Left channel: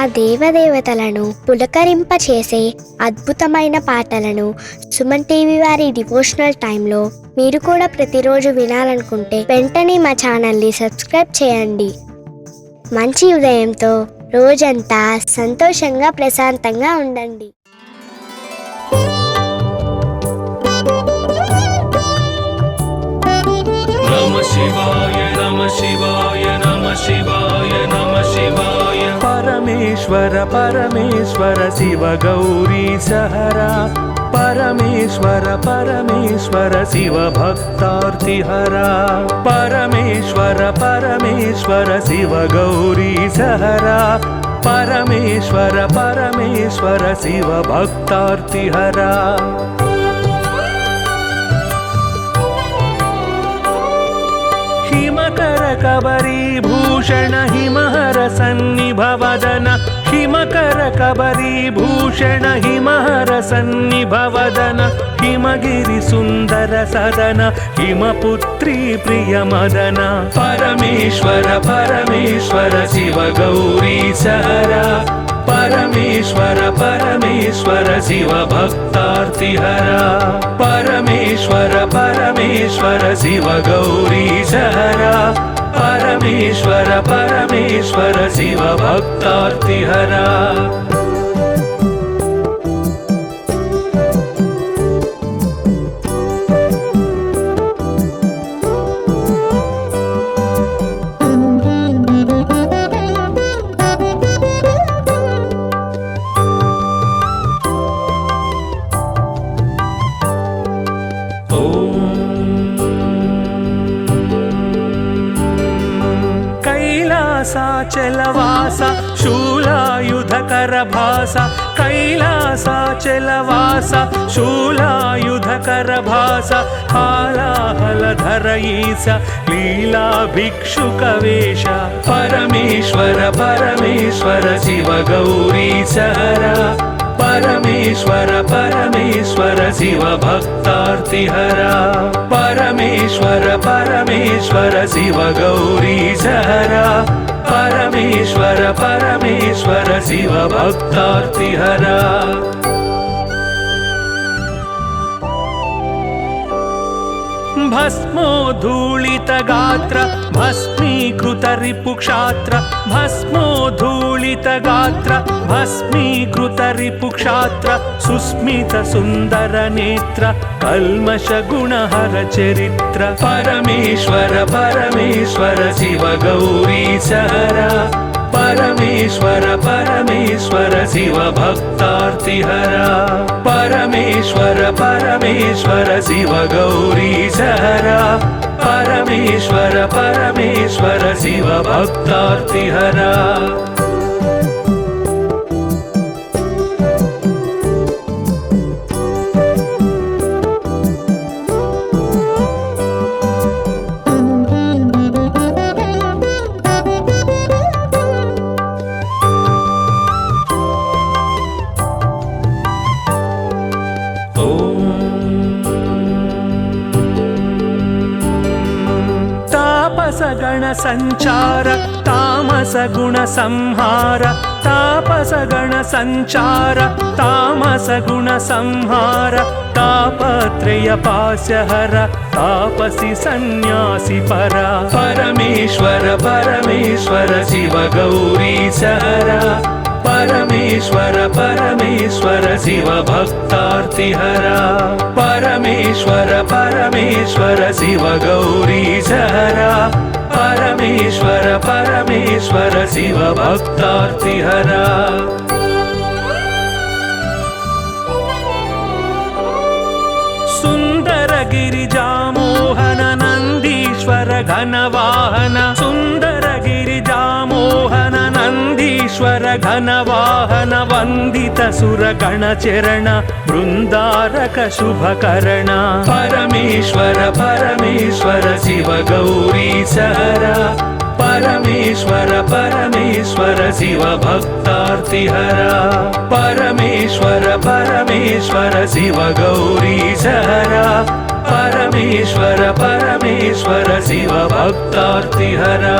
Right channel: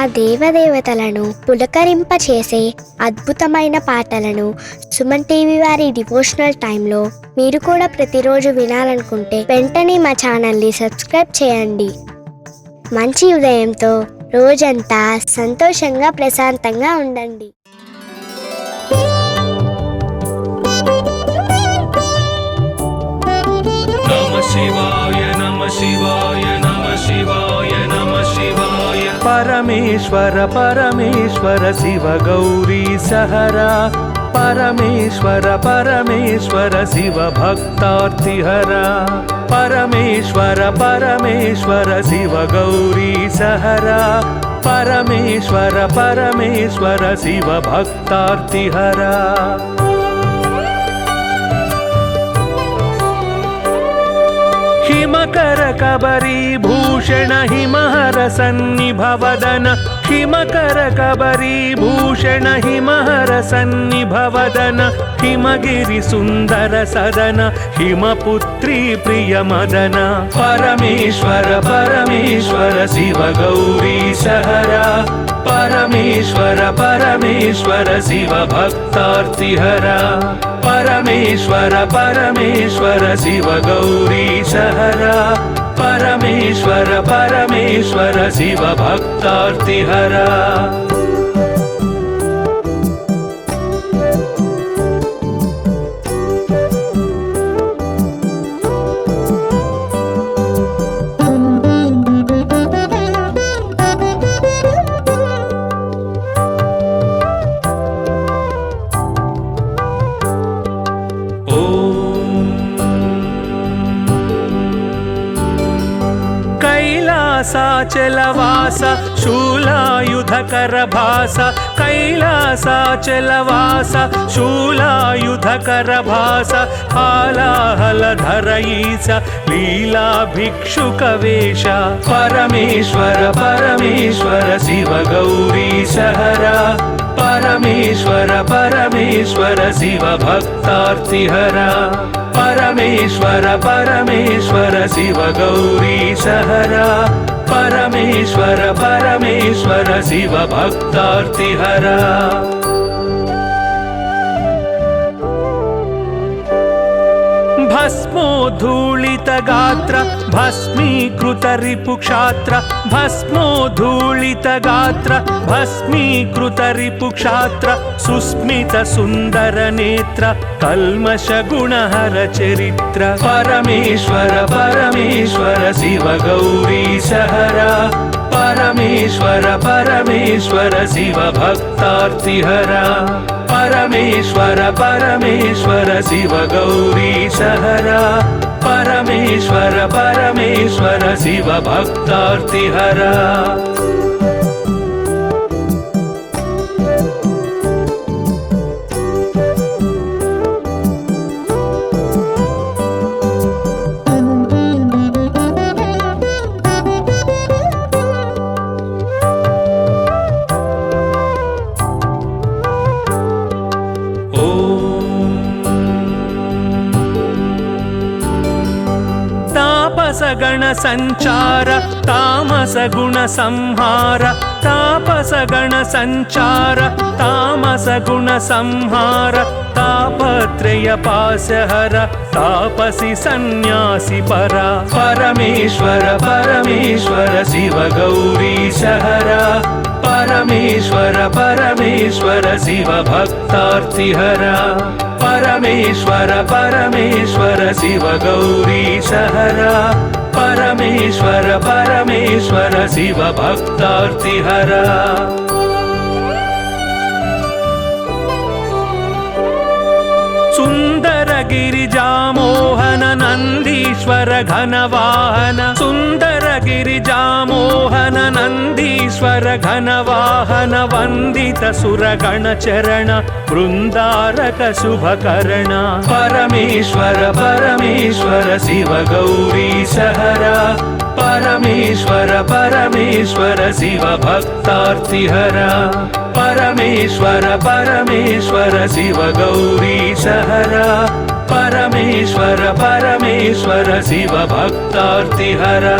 ఆ దేవదేవతలను పులకరింపచేసే అద్భుతమైన పాటలను సుమన్ టీవీ వారి డివోషనల్ టైంలో మీరు కూడా ప్రతిరోజు వినాలనుకుంటే వెంటనే మా ఛానల్ని సబ్స్క్రైబ్ చేయండి. మంచి ఉదయంతో రోజంతా సంతోషంగా ప్రశాంతంగా ఉండండి. परमेश्वर परमेश्वर शिव गौरी सहरा परमेश्वर परमेश्वर शिव भक्तार्तिहरा परमेश्वर परमेश्वर शिव गौरी सहरा परमेश्वर परमेश्वर शिव भक्तार्तिहरा हिमकर कबरी भूषण हिमहर सन्निभवदन हिमकर कबरी भूषण हिमहर सन्निभवदन हिमगिरि सुंदर सदन हिमपुत्री प्रिय मदन परमेश्वर परमेश्वर शिव गौरी सहरा परमेश्वर परमेश्वर शिव भक्तार्तिहरा परमेश्वर परमेश्वर शिव गौरी सहरा परमेश्वर परमेश्वर शिव भक्तार्तिहरा कैलासाचलवास शूलायुधकर भास कैलासाचलवास शूलायुधकर भास हालाहलधर ईश लीला भिक्षुकवेश परमेश्वर परमेश्वर शिव गौरी सहरा परमेश्वर परमेश्वर शिव भक्तार्तिहरा परमेश्वर परमेश्वर शिव गौरी सहरा परमेश्वर परमेश्वर शिव भक्तार्तिहरा भस्मोद्धूलित गात्र भस्मीकृत रिपुक्षात्र भस्मोद्धूलित गात्र भस्मीकृत रिपुक्षात्र सुस्मित सुंदर नेत्र कल्मष गुणहर चरित्र परमेश्वर परमेश्वर शिव गौरी सहरा परमेश्वर परमेश्वर शिव भक्तार्तिहरा परमेश्वर परमेश्वर शिव गौरी सहरा परमेश्वर परमेश्वर शिव भक्तार्तिहरा गण संचार तामस गुण संहार तापस गण संचार तामस गुण संहार तापत्रय पासहर तापसी सन्यासी परा परमेश्वर परमेश्वर शिव गौरी सहरा परमेश्वर परमेश्वर शिव भक्तार्तिहरा परमेश्वर परमेश्वर शिव गौरी सहरा परमेश्वर परमेश्वर शिव भक्तार्तिहरा सुंदर गिरिजा मोहन नंदीश्वर घन वाहन सुंदर गिरिजा मोहन नंदीश्वर घन वाहन वंदित सुर गण चरण वृंदारक शुभकरण परमेश्वर परमेश्वर शिव गौरी सहरा परमेश्वर परमेश्वर शिव भक्तार्तिहरा परमेश्वर परमेश्वर शिव गौरी सहरा परमेश्वर परमेश्वर शिव भक्तार्तिहरा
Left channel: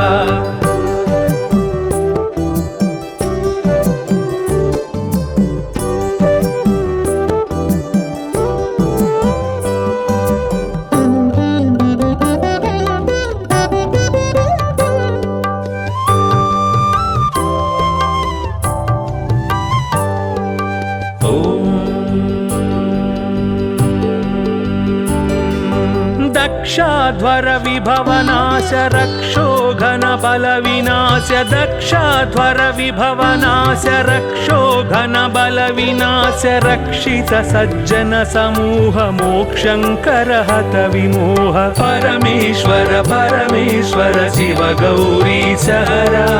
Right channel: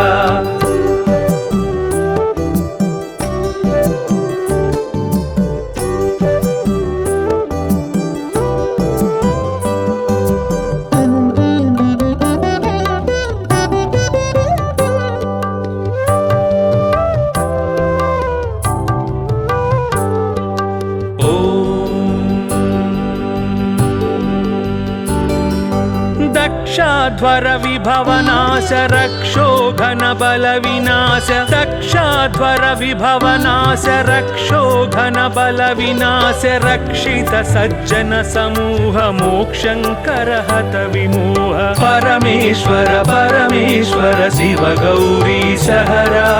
दक्षाध्वर विभवनाश रक्षो घन बल विनाश दक्षाध्वर विभवनाश रक्षो घन बल विनाश रक्षित सज्जन समूह मोक्षंकर हत विमोह परमेश्वर परमेश्वर शिव गौरी सहरा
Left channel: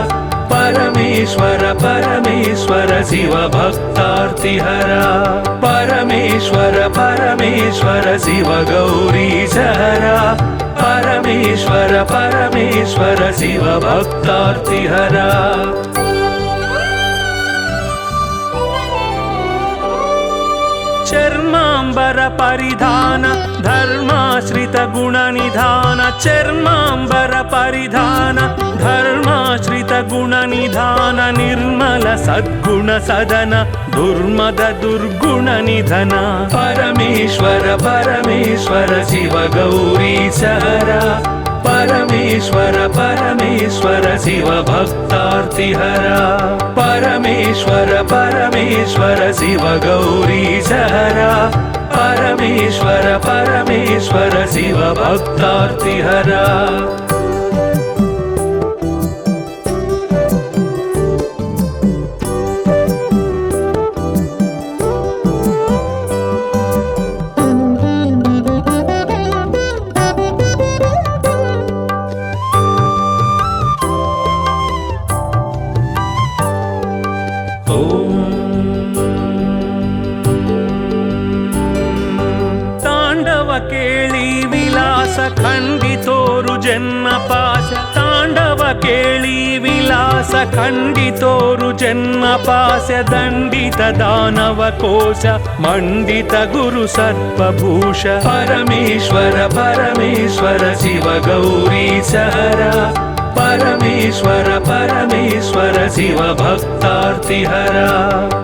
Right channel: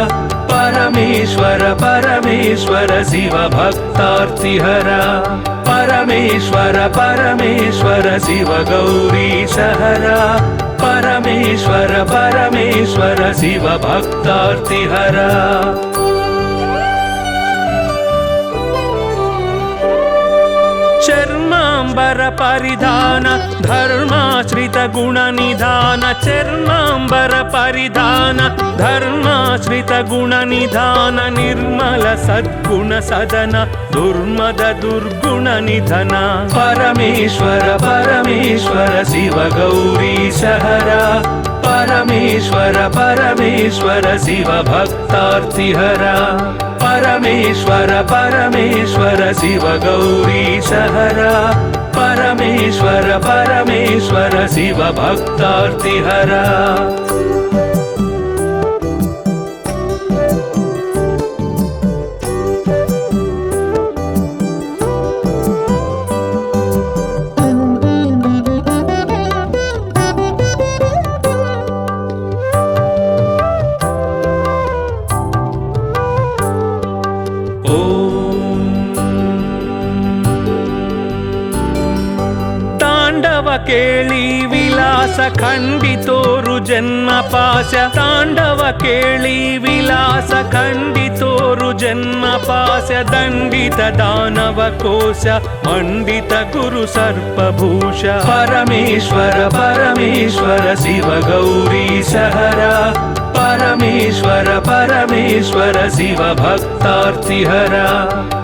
परमेश्वर परमेश्वर शिव भक्तार्तिहरा परमेश्वर परमेश्वर शिव गौरी सहरा परमेश्वर परमेश्वर शिव भक्तार्तिहरा चर्मांबर परिधान धर्माश्रित गुण निधान चर्मांबर परिधान धर्माश्रित गुण निधान निर्मल सद्गुण सदन दुर्मद दुर्गुण निधन परमेश्वर परमेश्वर शिव गौरी सहरा परमेश्वर परमेश्वर शिव भक्तार्तिहरा परमेश्वर परमेश्वर शिव गौरी सहरा परमेश्वर परमेश्वर शिव भक्तार्तिहरा केळी विलास खंडितोरु जन्म पाश तांडव केळी विलास खंडितोरु जन्म पाश दंडित दानव कोश मंडित गुरु सर्पभूष परमेश्वर परमेश्वर शिव गौरी सहरा परमेश्वर परमेश्वर शिव भक्तार्तिहरा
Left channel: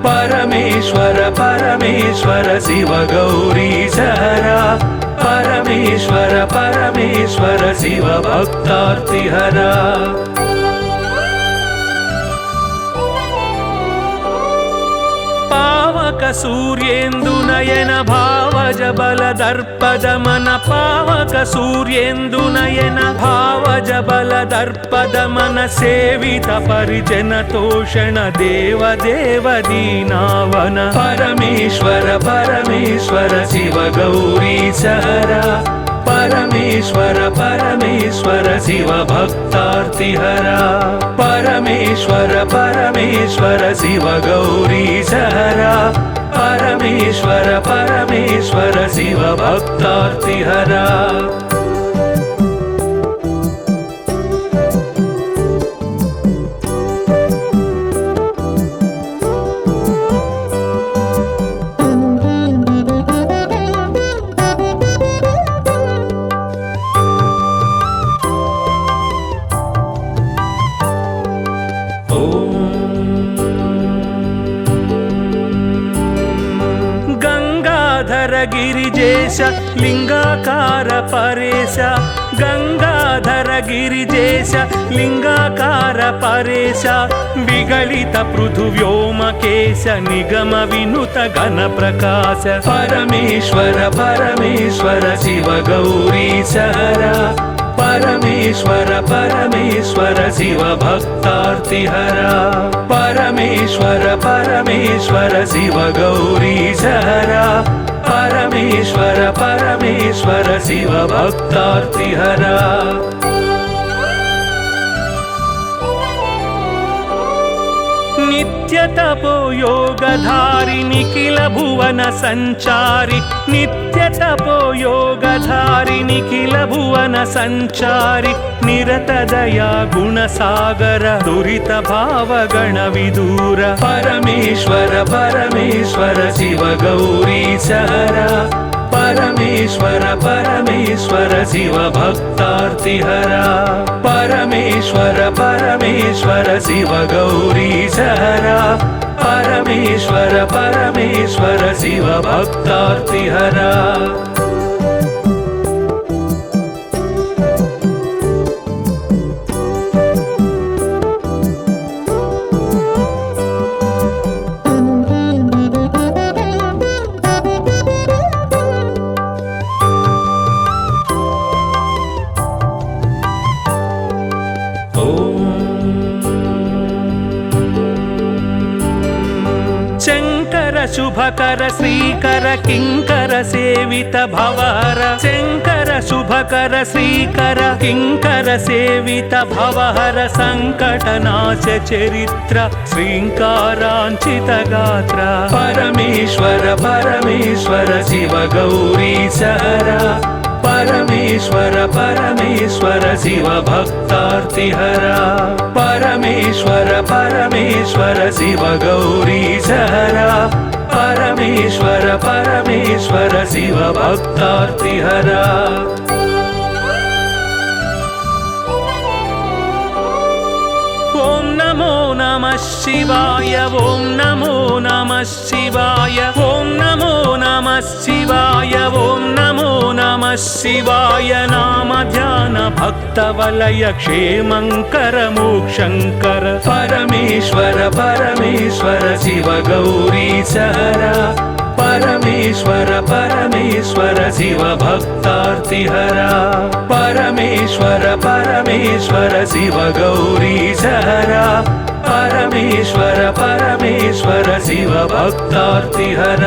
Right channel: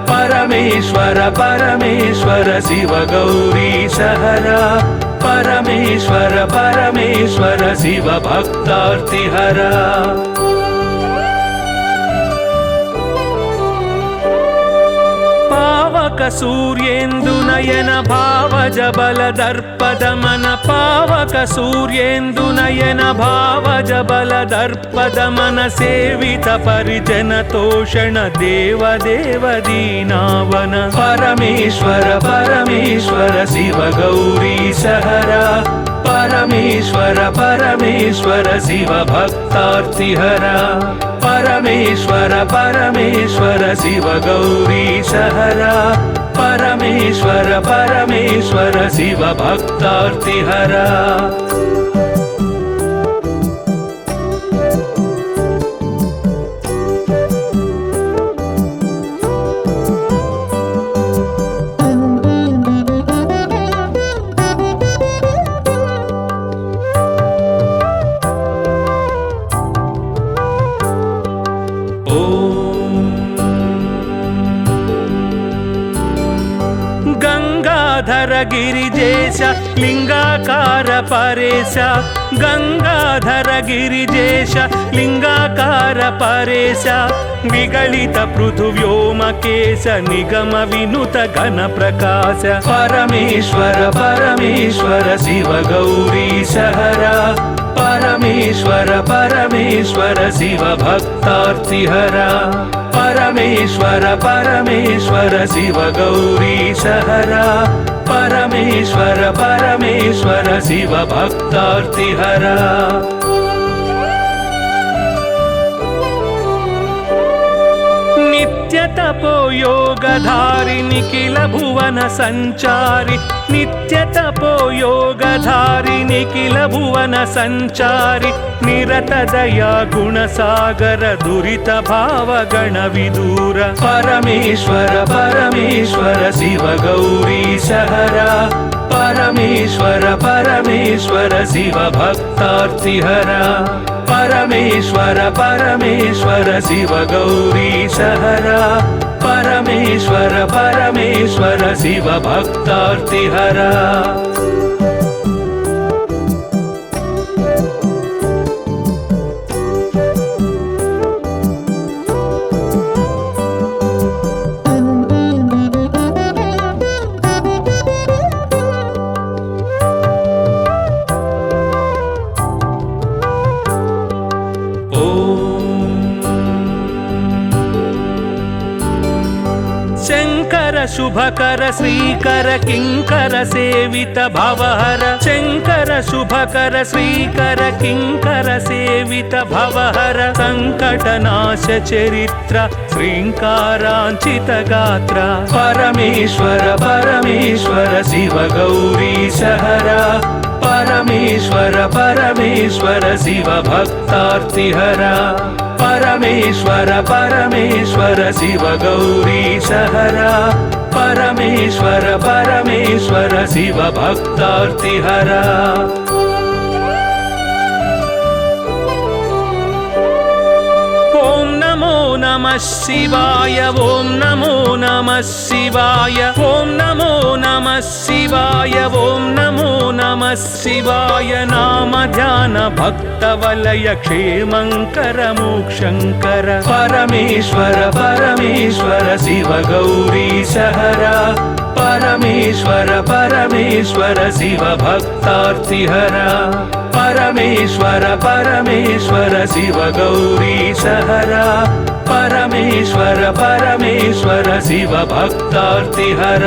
परमेश्वर परमेश्वर शिव गौरी सहरा परमेश्वर परमेश्वर शिव भक्तार्तिहरा पावक सूर्येन्दु नयन भावज बल दर्पद मन पावक सूर्येन्दु नयन भावज बल दर्पद मन सेवित परिजन तोषण देव देव दीनावन परमेश्वर परमेश्वर शिव गौरी सहरा परमेश्वर परमेश्वर शिव भक्तार्तिहरा परमेश्वर परमेश्वर शिव गौरी सहरा परमेश्वर परमेश्वर शिव भक्तार्तिहरा गिरिजेश लिंगाकार परेश गंगाधर गिरिजेश लिंगाकार परेश निगलित पृथुव्योमकेश निगम विनुत घन प्रकाश परमेश्वर परमेश्वर शिव गौरी सहरा परमेश्वर परमेश्वर शिव भक्तार्तिहरा परमेश्वर परमेश्वर शिव गौरी सहरा परमेश्वर परमेश्वर शिव भक्तार्तिहरा नित्य तपो योगधारि निखिल भुवन संचारि नित्य तपो योगधारि निखिल भुवन संचारि निरत दया गुण सागर दुरित भाव गण विदूर परमेश्वर परमेश्वर शिव गौरी सहरा परमेश्वर परमेश्वर शिव भक्तार्तिहरा परमेश्वर परमेश्वर शिव गौरी सहरा परमेश्वर परमेश्वर शिव भक्तार्तिहरा शुभकर श्रीकर किङ्कर सेवित भवहर शङ्कर शुभकर श्रीकर किङ्कर सेवित भवहर सङ्कटनाश चरित्र श्रीङ्काराञ्चित गात्र परमेश्वर परमेश्वर शिव गौरीशहर परमेश्वर परमेश्वर शिव भक्तार्तिहर परमेश्वर परमेश्वर शिव गौरीशहर परमेश्वर परमेश्वर शिव भक्तार्तिहर ॐ नमो नमः शिवाय ॐ नमो नमः शिवाय ॐ नमो नमः शिवाय ॐ नमो नमः शिवाय नाम ध्यान भक्तवलय क्षेमङ्कर मोक्षङ्कर परमेश्वर परमेश्वर शिव गौरीशहर परमेश्वर परमेश्वर शिव भक्तार्तिहर परमेश्वर परमेश्वर शिव गौरीशहर परमेश्वर परमेश्वर शिव भक्तार्तिहर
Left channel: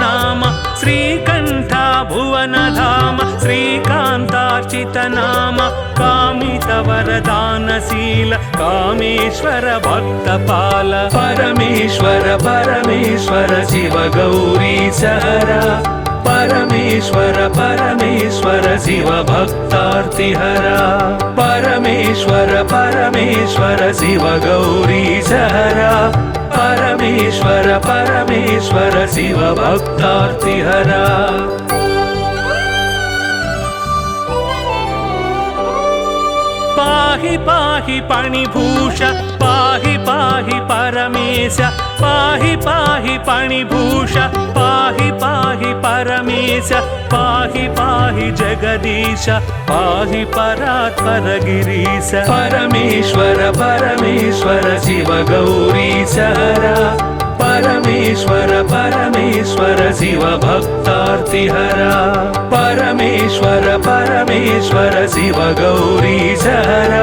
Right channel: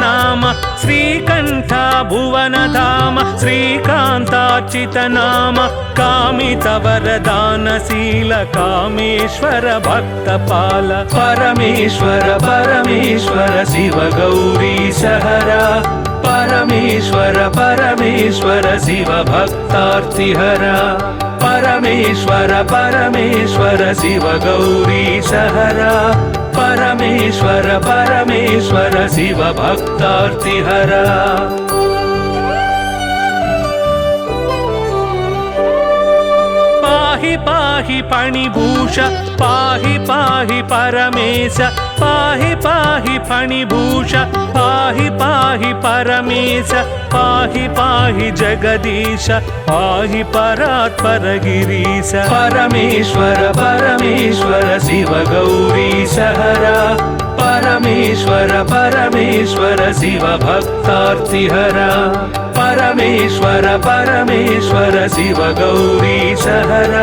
नाम श्रीकण्ठ भुवन धाम श्रीकान्तार्चित नाम कामित वरदानशील कामेश्वर भक्तपाल परमेश्वर परमेश्वर शिव गौरीशहर परमेश्वर परमेश्वर शिव भक्तार्तिहर परमेश्वर परमेश्वर शिव गौरीशहर परमेश्वर परमेश्वर शिव भक्तार्तिहर पाहि पाहि पाणिभूष पाहि पाहि परमेश पाहि पाहि पाणिभूष पाहि पाहि परमेश पाहि पाहि जगदीश पाहि परात्पर गिरीश परमेश्वर परमेश्वर शिव गौरीशहर परमेश्वर परमेश्वर शिव भक्तार्तिहर परमेश्वर परमेश्वर शिव गौरीशहर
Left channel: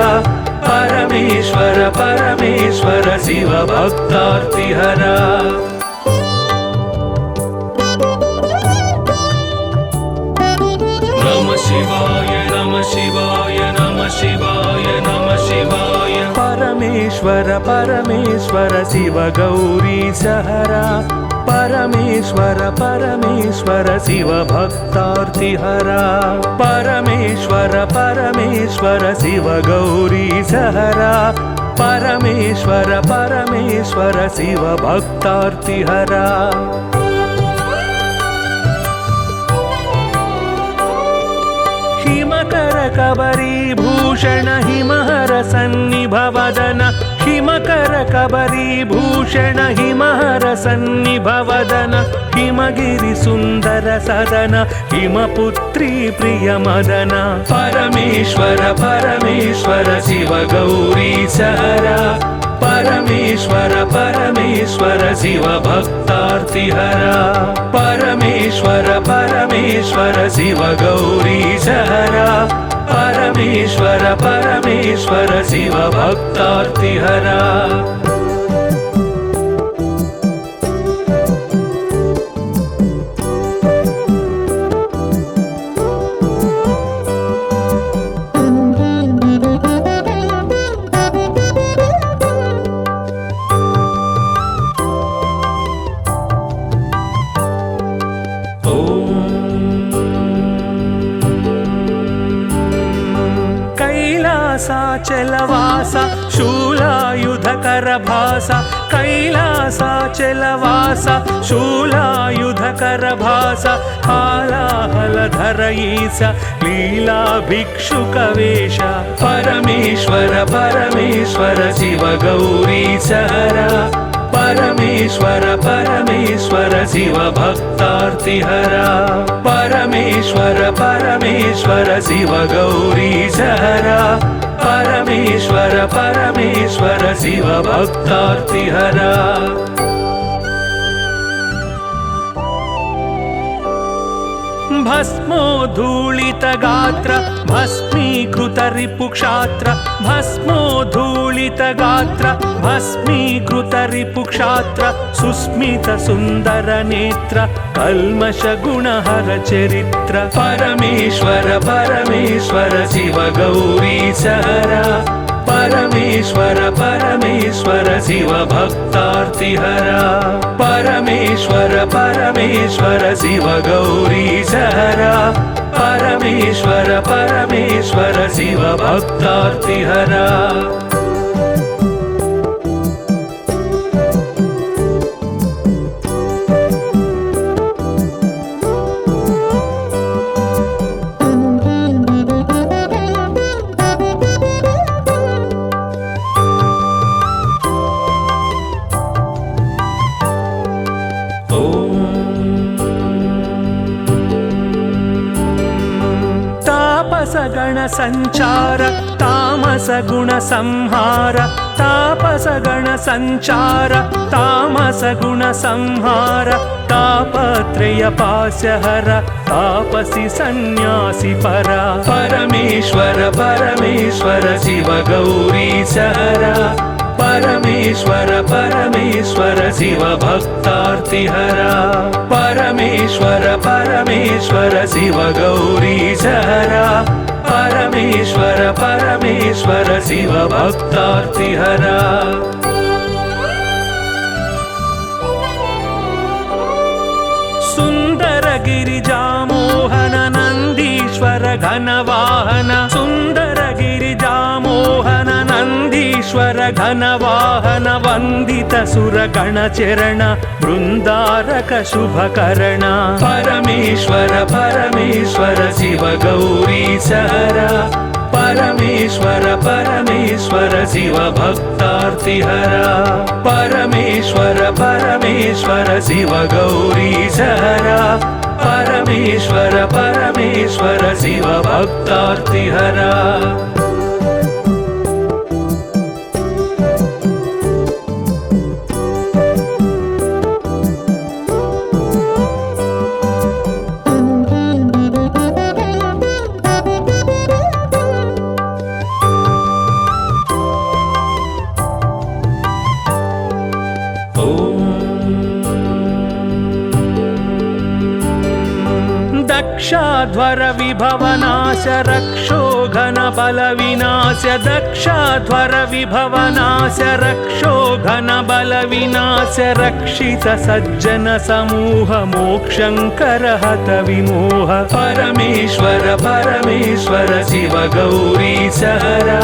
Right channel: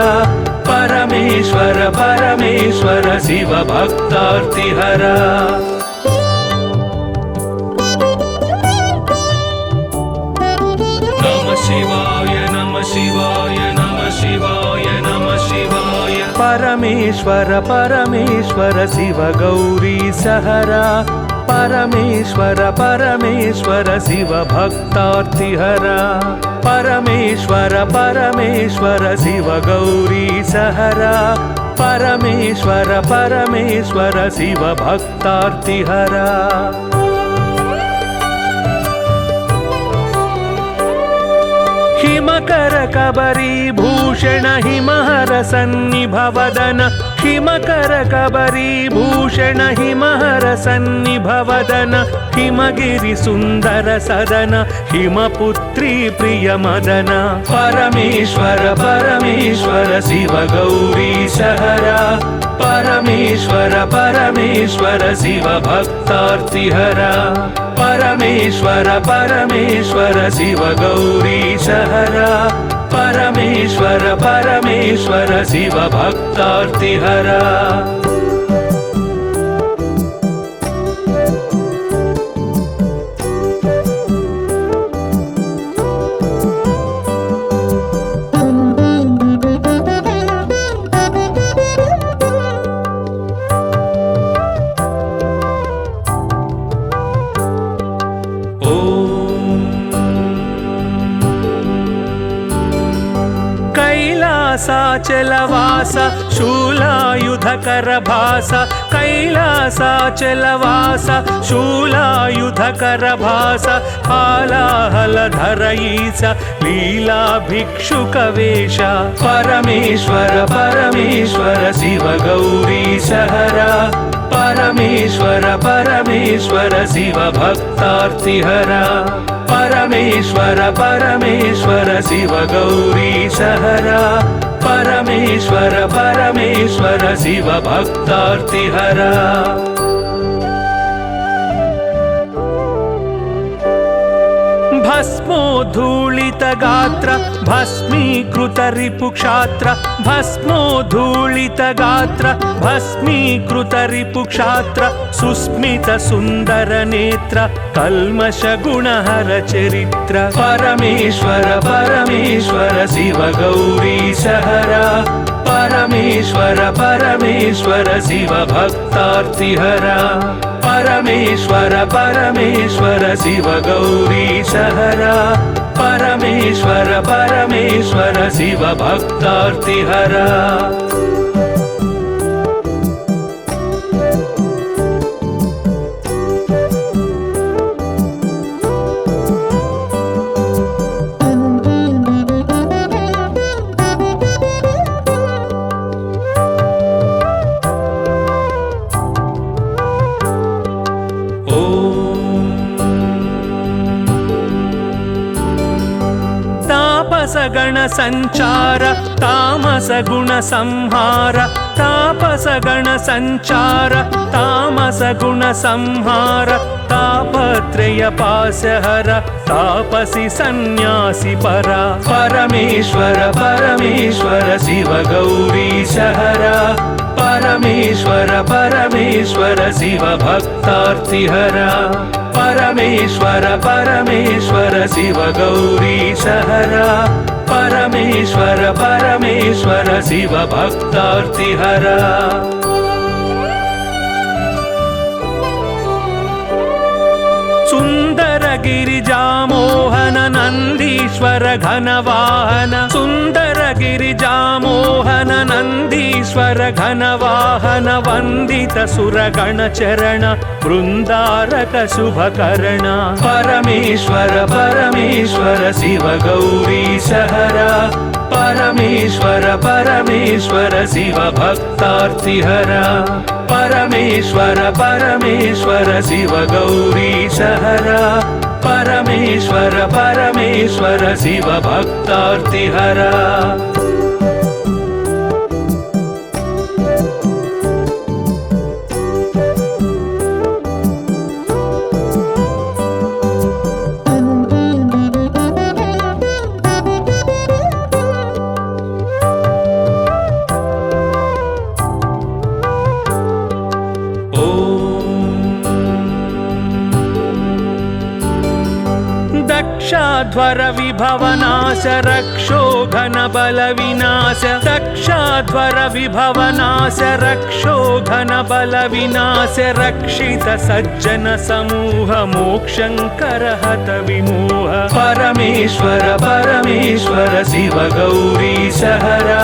परमेश्वर परमेश्वर शिव भक्तार्तिहर नमः शिवाय नमः शिवाय नमः शिवाय नमः शिवाय परमेश्वर परमेश्वर शिव गौरीशहर परमेश्वर परमेश्वर शिव भक्तार्तिहर परमेश्वर परमेश्वर शिव गौरीशहर परमेश्वर परमेश्वर शिव भक्तार्तिहर हिमकर कबरी भूषण हिमहर सन्निभवदन हिमकर कबरी भूषण हिमहर सन्निभवदन हिमगिरि सुन्दर सदन हिमपुत्री प्रिय मदन परमेश्वर परमेश्वर शिव गौरीशहर परमेश्वर परमेश्वर शिव भक्तार्तिहर परमेश्वर परमेश्वर शिव गौरीशहर परमेश्वर परमेश्वर शिव भक्तार्तिहर कैलासाचलवास शूलायुधकर भास कैलासाचलवास शूलायुधकर भास हालाहलधर ईश लीला भिक्षुकवेश परमेश्वर परमेश्वर शिव गौरीशहर परमेश्वर परमेश्वर शिव भक्तार्तिहरा परमेश्वर परमेश्वर शिव गौरीशहरा परमेश्वर परमेश्वर शिव भक्तार्तिहरा भस्मोद्धूलित गात्र भस्मीकृत रिपुक्षात्र भस्मोद्धूलित गात्र भस्मीकृत रिपुक्षात्र सुस्मित सुन्दर नेत्र कल्मष गुणहर चरित्र परमेश्वर परमेश्वर शिव गौरीशहरा परमेश्वर परमेश्वर शिव भक्तार्तिहरा परमेश्वर परमेश्वर शिव गौरीशहरा परमेश्वर परमेश्वर शिव भक्तार्तिहरा गण संचार तामस गुण संहार तापस गण संचार तामस गुण संहार तापत्रय पासहर तापसी सन्यासी परा परमेश्वर परमेश्वर शिव गौरीशहरा परमेश्वर परमेश्वर शिव भक्तार्तिहरा परमेश्वर परमेश्वर शिव गौरीशहरा परमेश्वर परमेश्वर शिव भक्तार्तिहरा सुंदर गिरिजामोहन नंदीश्वर घनवाहन सुंदर गिरिजामोहन नंदीश्वर घनवाहन वंदित सुरगण चरण वृंदारक शुभकर्ण परमेश्वर परमेश्वर शिव गौरीशहरा परमेश्वर परमेश्वर शिव भक्तार्तिहरा परमेश्वर परमेश्वर शिव गौरीशहरा परमेश्वर परमेश्वर शिव भक्तार्तिहरा दक्षाध्वर विभवनाश रक्षोघन बल विनाश दक्षाध्वर विभवनाश रक्षोघन बल विनाश रक्षित सज्जन समूह मोक्षंकर हत विमोह परमेश्वर परमेश्वर शिव गौरीशहरा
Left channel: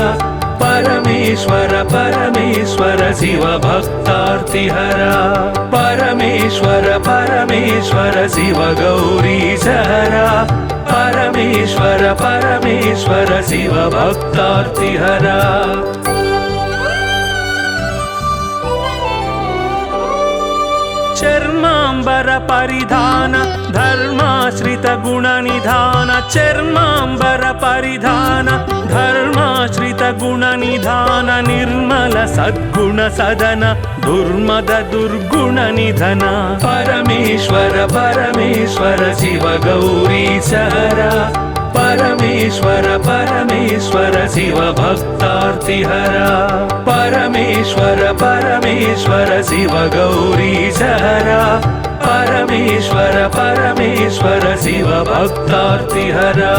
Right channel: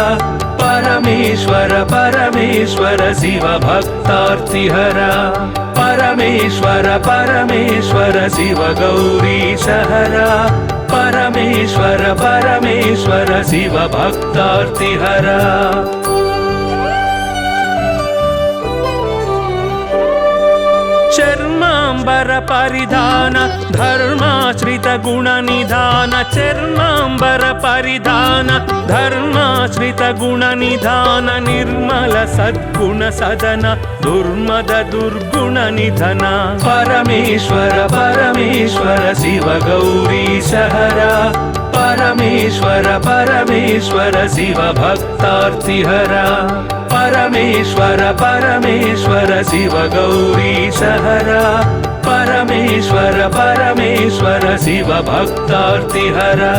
परमेश्वर परमेश्वर शिव भक्तार्तिहरा परमेश्वर परमेश्वर शिव गौरीशहरा परमेश्वर परमेश्वर शिव भक्तार्तिहरा चर्मांबर परिधान धर्माश्रित गुण निधान चर्मांबर परिधान धर्माश्रित गुण निधान निर्मल सद्गुण सदन दुर्मद दुर्गुण निधन परमेश्वर परमेश्वर शिव गौरीशहरा परमेश्वर परमेश्वर शिव भक्तार्तिहरा परमेश्वर परमेश्वर शिव गौरीशहरा परमेश्वर परमेश्वर शिव भक्तार्तिहरा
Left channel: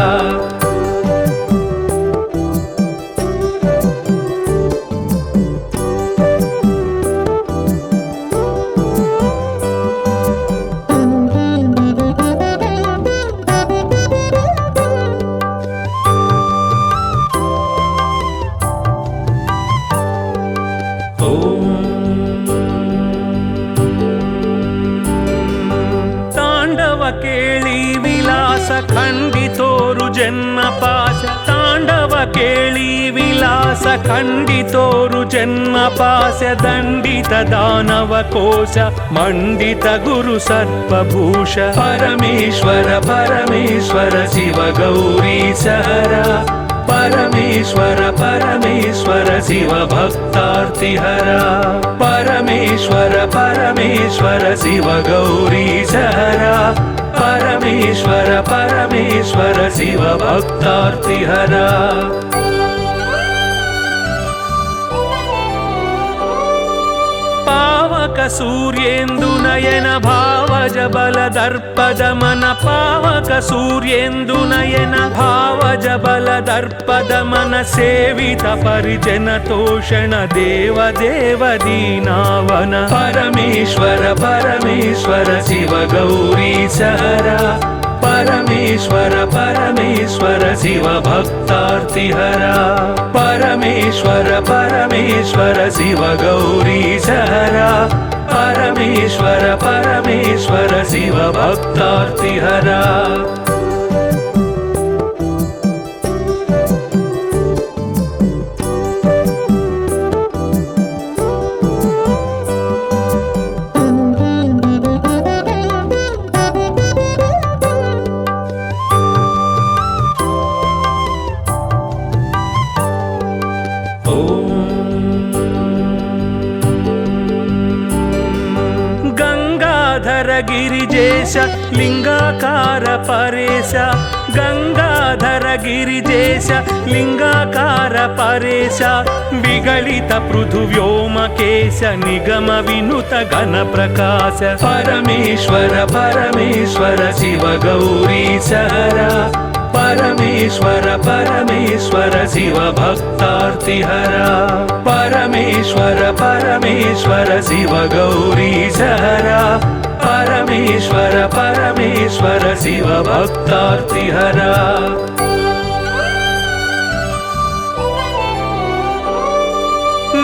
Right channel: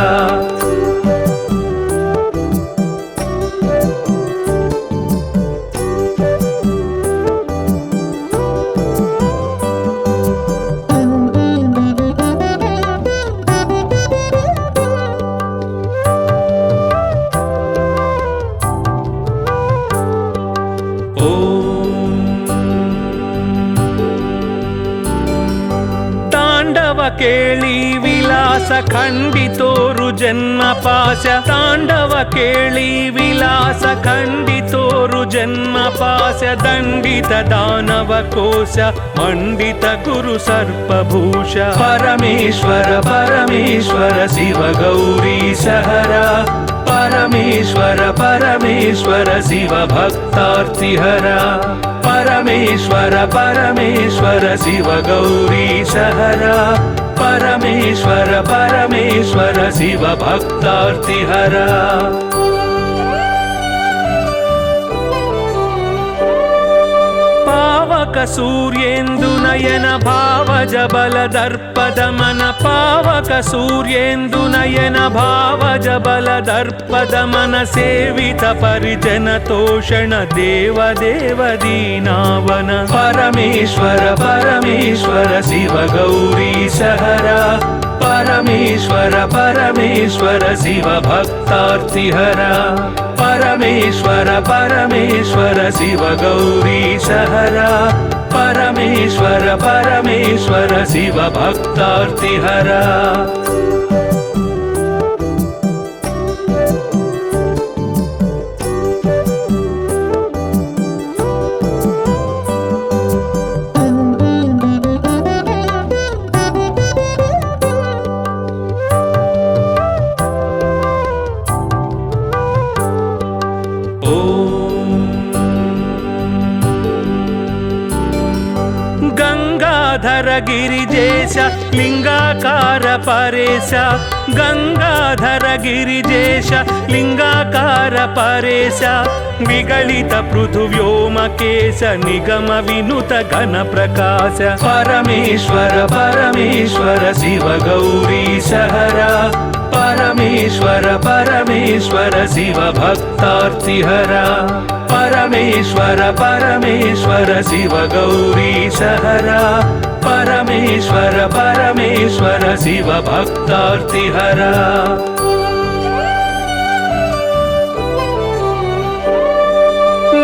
केळी विलास खंडितोरु जन्म पाश तांडव ಕೇಳಿ ವಿಲಾಸ ಖಂಡಿತೋರು ಜನ್ಮ ಪಾಶ ದಂಡಿತ ದಾನವ ಕೋಶ ಮಂಡಿತ ಗುರು ಸರ್ಪಭೂಷ ಪರಮೇಶ್ವರ ಪರಮೇಶ್ವರ ಶಿವ ಗೌರಿ ಸಹರ ಪರಮೇಶ್ವರ ಪರಮೇಶ್ವರ ಶಿವ ಭಕ್ತಾರ್ತಿಹರ ಪರಮೇಶ್ವರ ಪರಮೇಶ್ವರ ಶಿವ ಗೌರಿ ಸಹರ ಪರಮೇಶ್ವರ ಪರಮೇಶ್ವರ ಶಿವ ಭಕ್ತಾರ್ತಿಹರ ಪಾವಕ ಸೂರ್ಯೇಂದು ನಯನ ಭಾವಜ ಬಲದರ್ಪದ ಮನ ಪಾವಕ ಸೂರ್ಯೇಂದು ನಯನ ಭಾವಜ ಬಲದರ್ಪದ ಮನ ಸೇವಿತ ಪರಿಜನ ತೋಷಣ ದೇವ ದೇವ ದೀನಾವನ ಪರಮೇಶ್ವರ ಪರಮೇಶ್ವರ ಶಿವ ಗೌರಿ ಸಹರ ಪರಮೇಶ್ವರ ಪರಮೇಶ್ವರ ಶಿವ ಭಕ್ತಾರ್ತಿಹರ ಪರಮೇಶ್ವರ ಪರಮೇಶ್ವರ ಶಿವ ಗೌರಿ ಸಹರ ಪರಮೇಶ್ವರ ಪರಮೇಶ್ವರ ಶಿವ ಭಕ್ತಾರ್ತಿಹರ ಗಿರಿಜೇಶ ಲಿಂಗಾಕಾರ ಪರೇಶ ಗಂಗಾಧರ ಗಿರಿಜೇಶ ಲಿಂಗಾಕಾರ ಪರೇಶ ನಿಗಳಿತ ಪೃಥು ವ್ಯೋಮಕೇಶ ನಿಗಮ ವಿನುತ ಘನ ಪ್ರಕಾಶ ಪರಮೇಶ್ವರ ಪರಮೇಶ್ವರ ಶಿವ ಗೌರಿ ಸಹರ ಪರಮೇಶ್ವರ ಪರಮೇಶ್ವರ ಶಿವ ಭಕ್ತಾರ್ತಿಹರ ಪರಮೇಶ್ವರ ಪರಮೇಶ್ವರ ಶಿವ ಗೌರಿ ಸಹರ ಪರಮೇಶ್ವರ ಪರಮೇಶ್ವರ ಶಿವ ಭಕ್ತಾರ್ತಿಹರ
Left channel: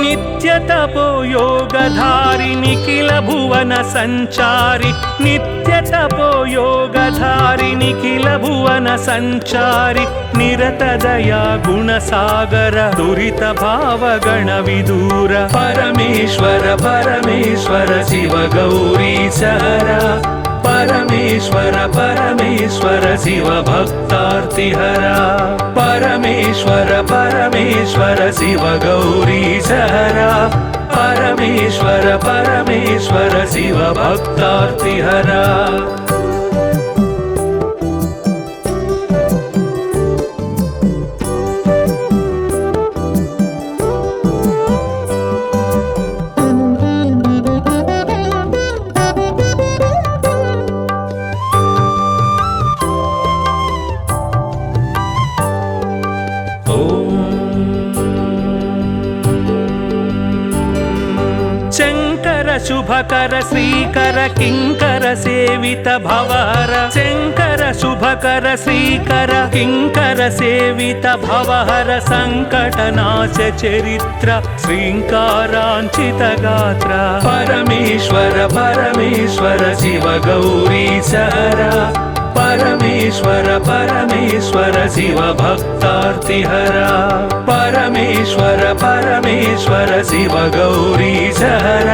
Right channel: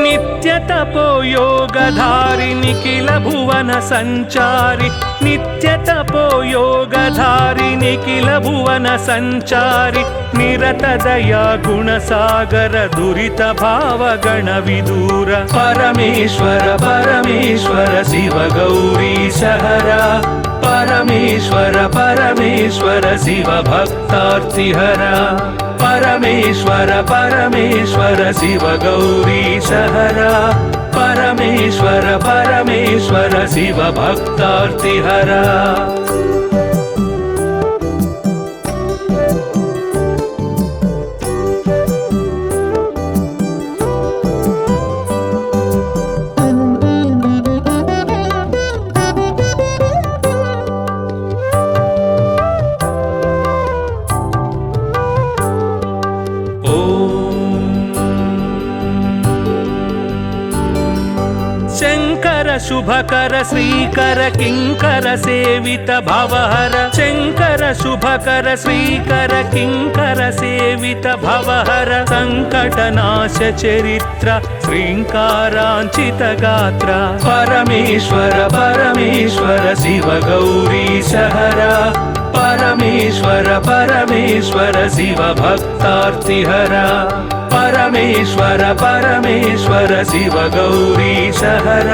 ನಿತ್ಯ ತಪೋ ಯೋಗಧಾರಿ ನಿಖಿಲ ಭುವನ ಸಂಚಾರಿ ನಿತ್ಯ ತಪೋ ಯೋಗಧಾರಿ ನಿಖಿಲ ಭುವನ ಸಂಚಾರಿ ನಿರತ ದಯಾ ಗುಣಸಾಗರ ದುರಿತ ಭಾವಗಣ ವಿದೂರ ಪರಮೇಶ್ವರ ಪರಮೇಶ್ವರ ಶಿವ ಗೌರಿ ಸಹರ ಪರಮೇಶ್ವರ ಪರಮೇಶ್ವರ ಶಿವ ಭಕ್ತಾರ್ತಿಹರ ಪರಮೇಶ್ವರ ಪರಮೇಶ್ವರ ಶಿವ ಗೌರಿ ಸಹರ ಪರಮೇಶ್ವರ ಪರಮೇಶ್ವರ ಶಿವ ಭಕ್ತಾರ್ತಿಹರ ಶುಭಕರ ಶ್ರೀಕರ ಕಿಂಕರ ಸೇವಿತ ಭವಹರ ಶಂಕರ ಶುಭಕರ ಶ್ರೀಕರ ಕಿಂಕರ ಸೇವಿತ ಭವಹರ ಸಂಕಟ ನಾಶ ಚರಿತ್ರ ಶ್ರೀಂಕಾರಾಂಚಿತ ಗಾತ್ರ ಪರಮೇಶ್ವರ ಪರಮೇಶ್ವರ ಶಿವ ಗೌರಿ ಸಹರ ಪರಮೇಶ್ವರ ಪರಮೇಶ್ವರ ಶಿವ ಭಕ್ತಾರ್ತಿಹರ ಪರಮೇಶ್ವರ ಪರಮೇಶ್ವರ ಶಿವ ಗೌರಿ ಸಹರ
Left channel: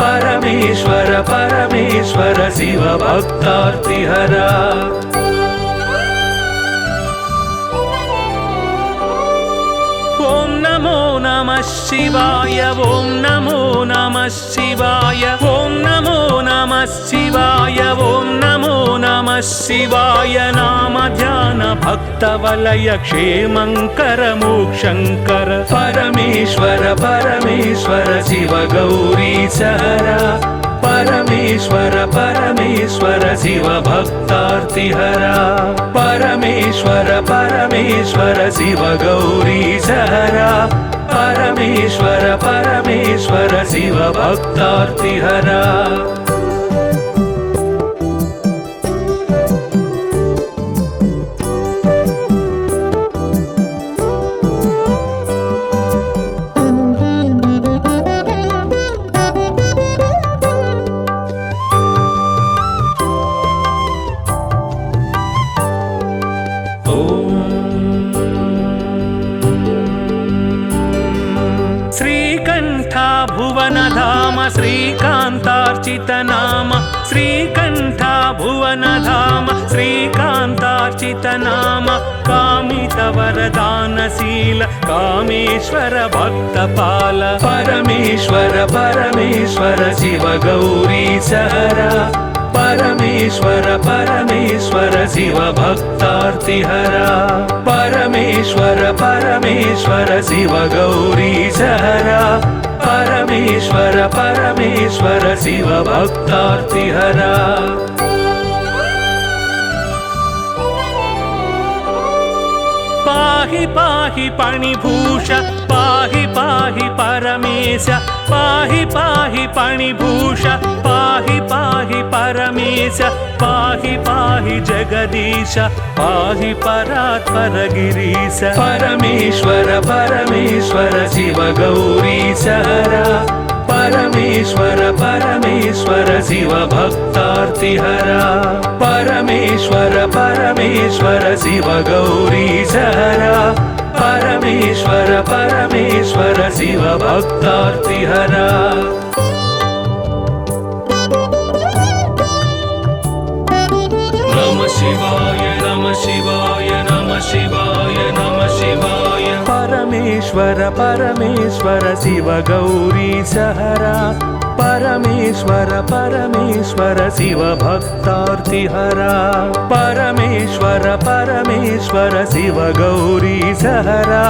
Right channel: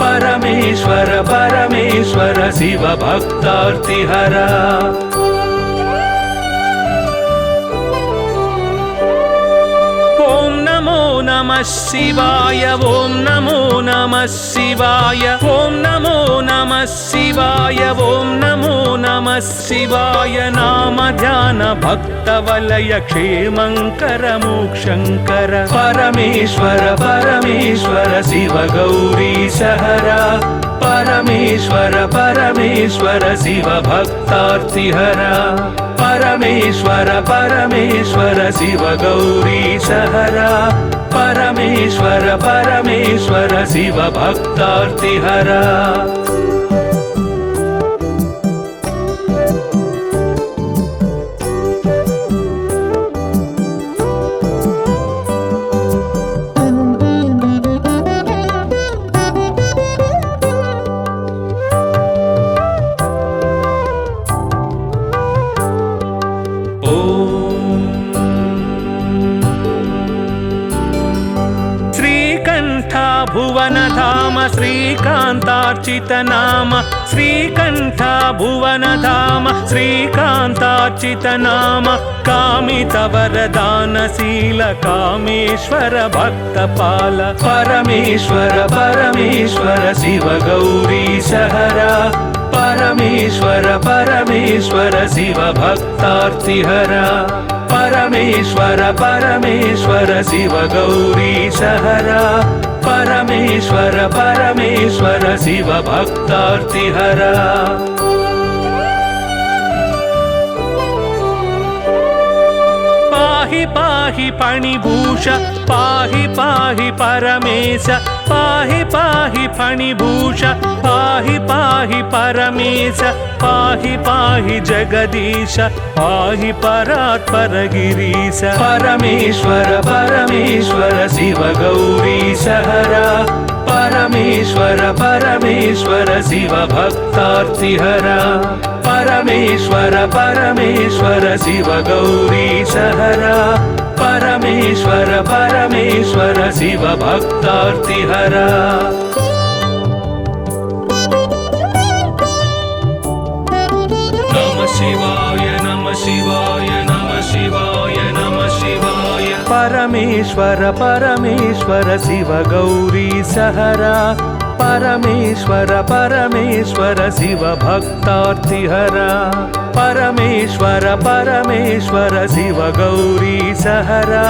ಪರಮೇಶ್ವರ ಪರಮೇಶ್ವರ ಶಿವ ಭಕ್ತಾರ್ತಿಹರ ಓಂ ನಮೋ ನಮಃ ಶಿವಾಯ ಓಂ ನಮೋ ನಮಃ ಶಿವಾಯ ಓಂ ನಮೋ ನಮಃ ಶಿವಾಯ ಓಂ ನಮೋ ನಮಃ ಶಿವಾಯ ನಾಮ ಧ್ಯಾನ ಭಕ್ತ ವಲಯ ಕ್ಷೇಮಂಕರ ಮೋಕ್ಷಂಕರ ಪರಮೇಶ್ವರ ಪರಮೇಶ್ವರ ಶಿವ ಗೌರಿ ಸಹರ ಪರಮೇಶ್ವರ ಪರಮೇಶ್ವರ ಶಿವ ಭಕ್ತಾರ್ತಿಹರ ಪರಮೇಶ್ವರ ಪರಮೇಶ್ವರ ಶಿವ ಗೌರಿ ಸಹರ ಪರಮೇಶ್ವರ ಪರಮೇಶ್ವರ ಶಿವ ಭಕ್ತಾರ್ತಿಹರ कामेश्वर भक्तपाल परमेश्वर परमेश्वर शिव गौरीश हरा परमेश्वर परमेश्वर शिव भक्तार्तिहरा परमेश्वर परमेश्वर शिव गौरीश हरा परमेश्वर परमेश्वर शिव भक्तार्तिहरा पाहि पाहि पाणिभूष पाहि पाहि परमेश पाहि पाहि पाणिभूष पाहि पाहि परमेश पाहि पाहि जगदीश पाहि परात्पर गिरीश परमेश्वर परमेश्वर शिव गौरीश हरा परमेश्वर परमेश्वर शिव भक्तार्तिहरा परमेश्वर परमेश्वर शिव गौरीश हरा परमेश्वर परमेश्वर शिव भक्तार्तिहरा नमः शिवाय नमः शिवाय नमः शिवाय नमः शिवाय परमेश्वर परमेश्वर शिव गौरीश हरा परमेश्वर परमेश्वर शिव भक्तार्तिहरा परमेश्वर परमेश्वर शिव गौरीश हरा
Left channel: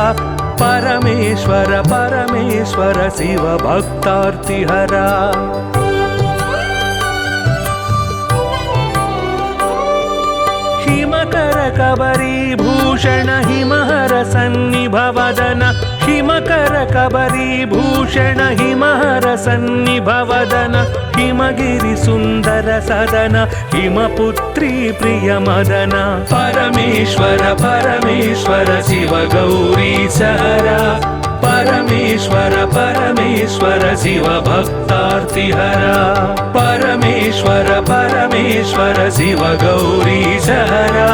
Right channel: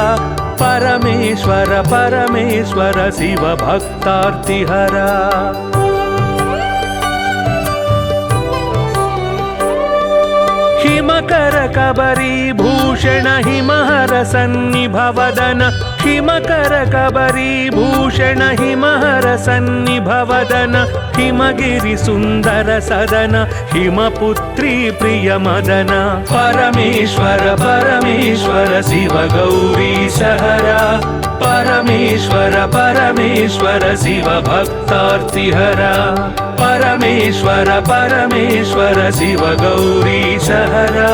परमेश्वर परमेश्वर शिव भक्तार्तिहरा हिमकर कबरी भूषण हिमहर सन्निभवदन हिमकर कबरी भूषण हिमहर सन्निभवदन हिमगिरि सुन्दर सदन हिमपुत्री प्रिय मदन परमेश्वर परमेश्वर शिव गौरीश हरा परमेश्वर परमेश्वर शिव भक्तार्तिहरा परमेश्वर परमेश्वर शिव गौरीश हरा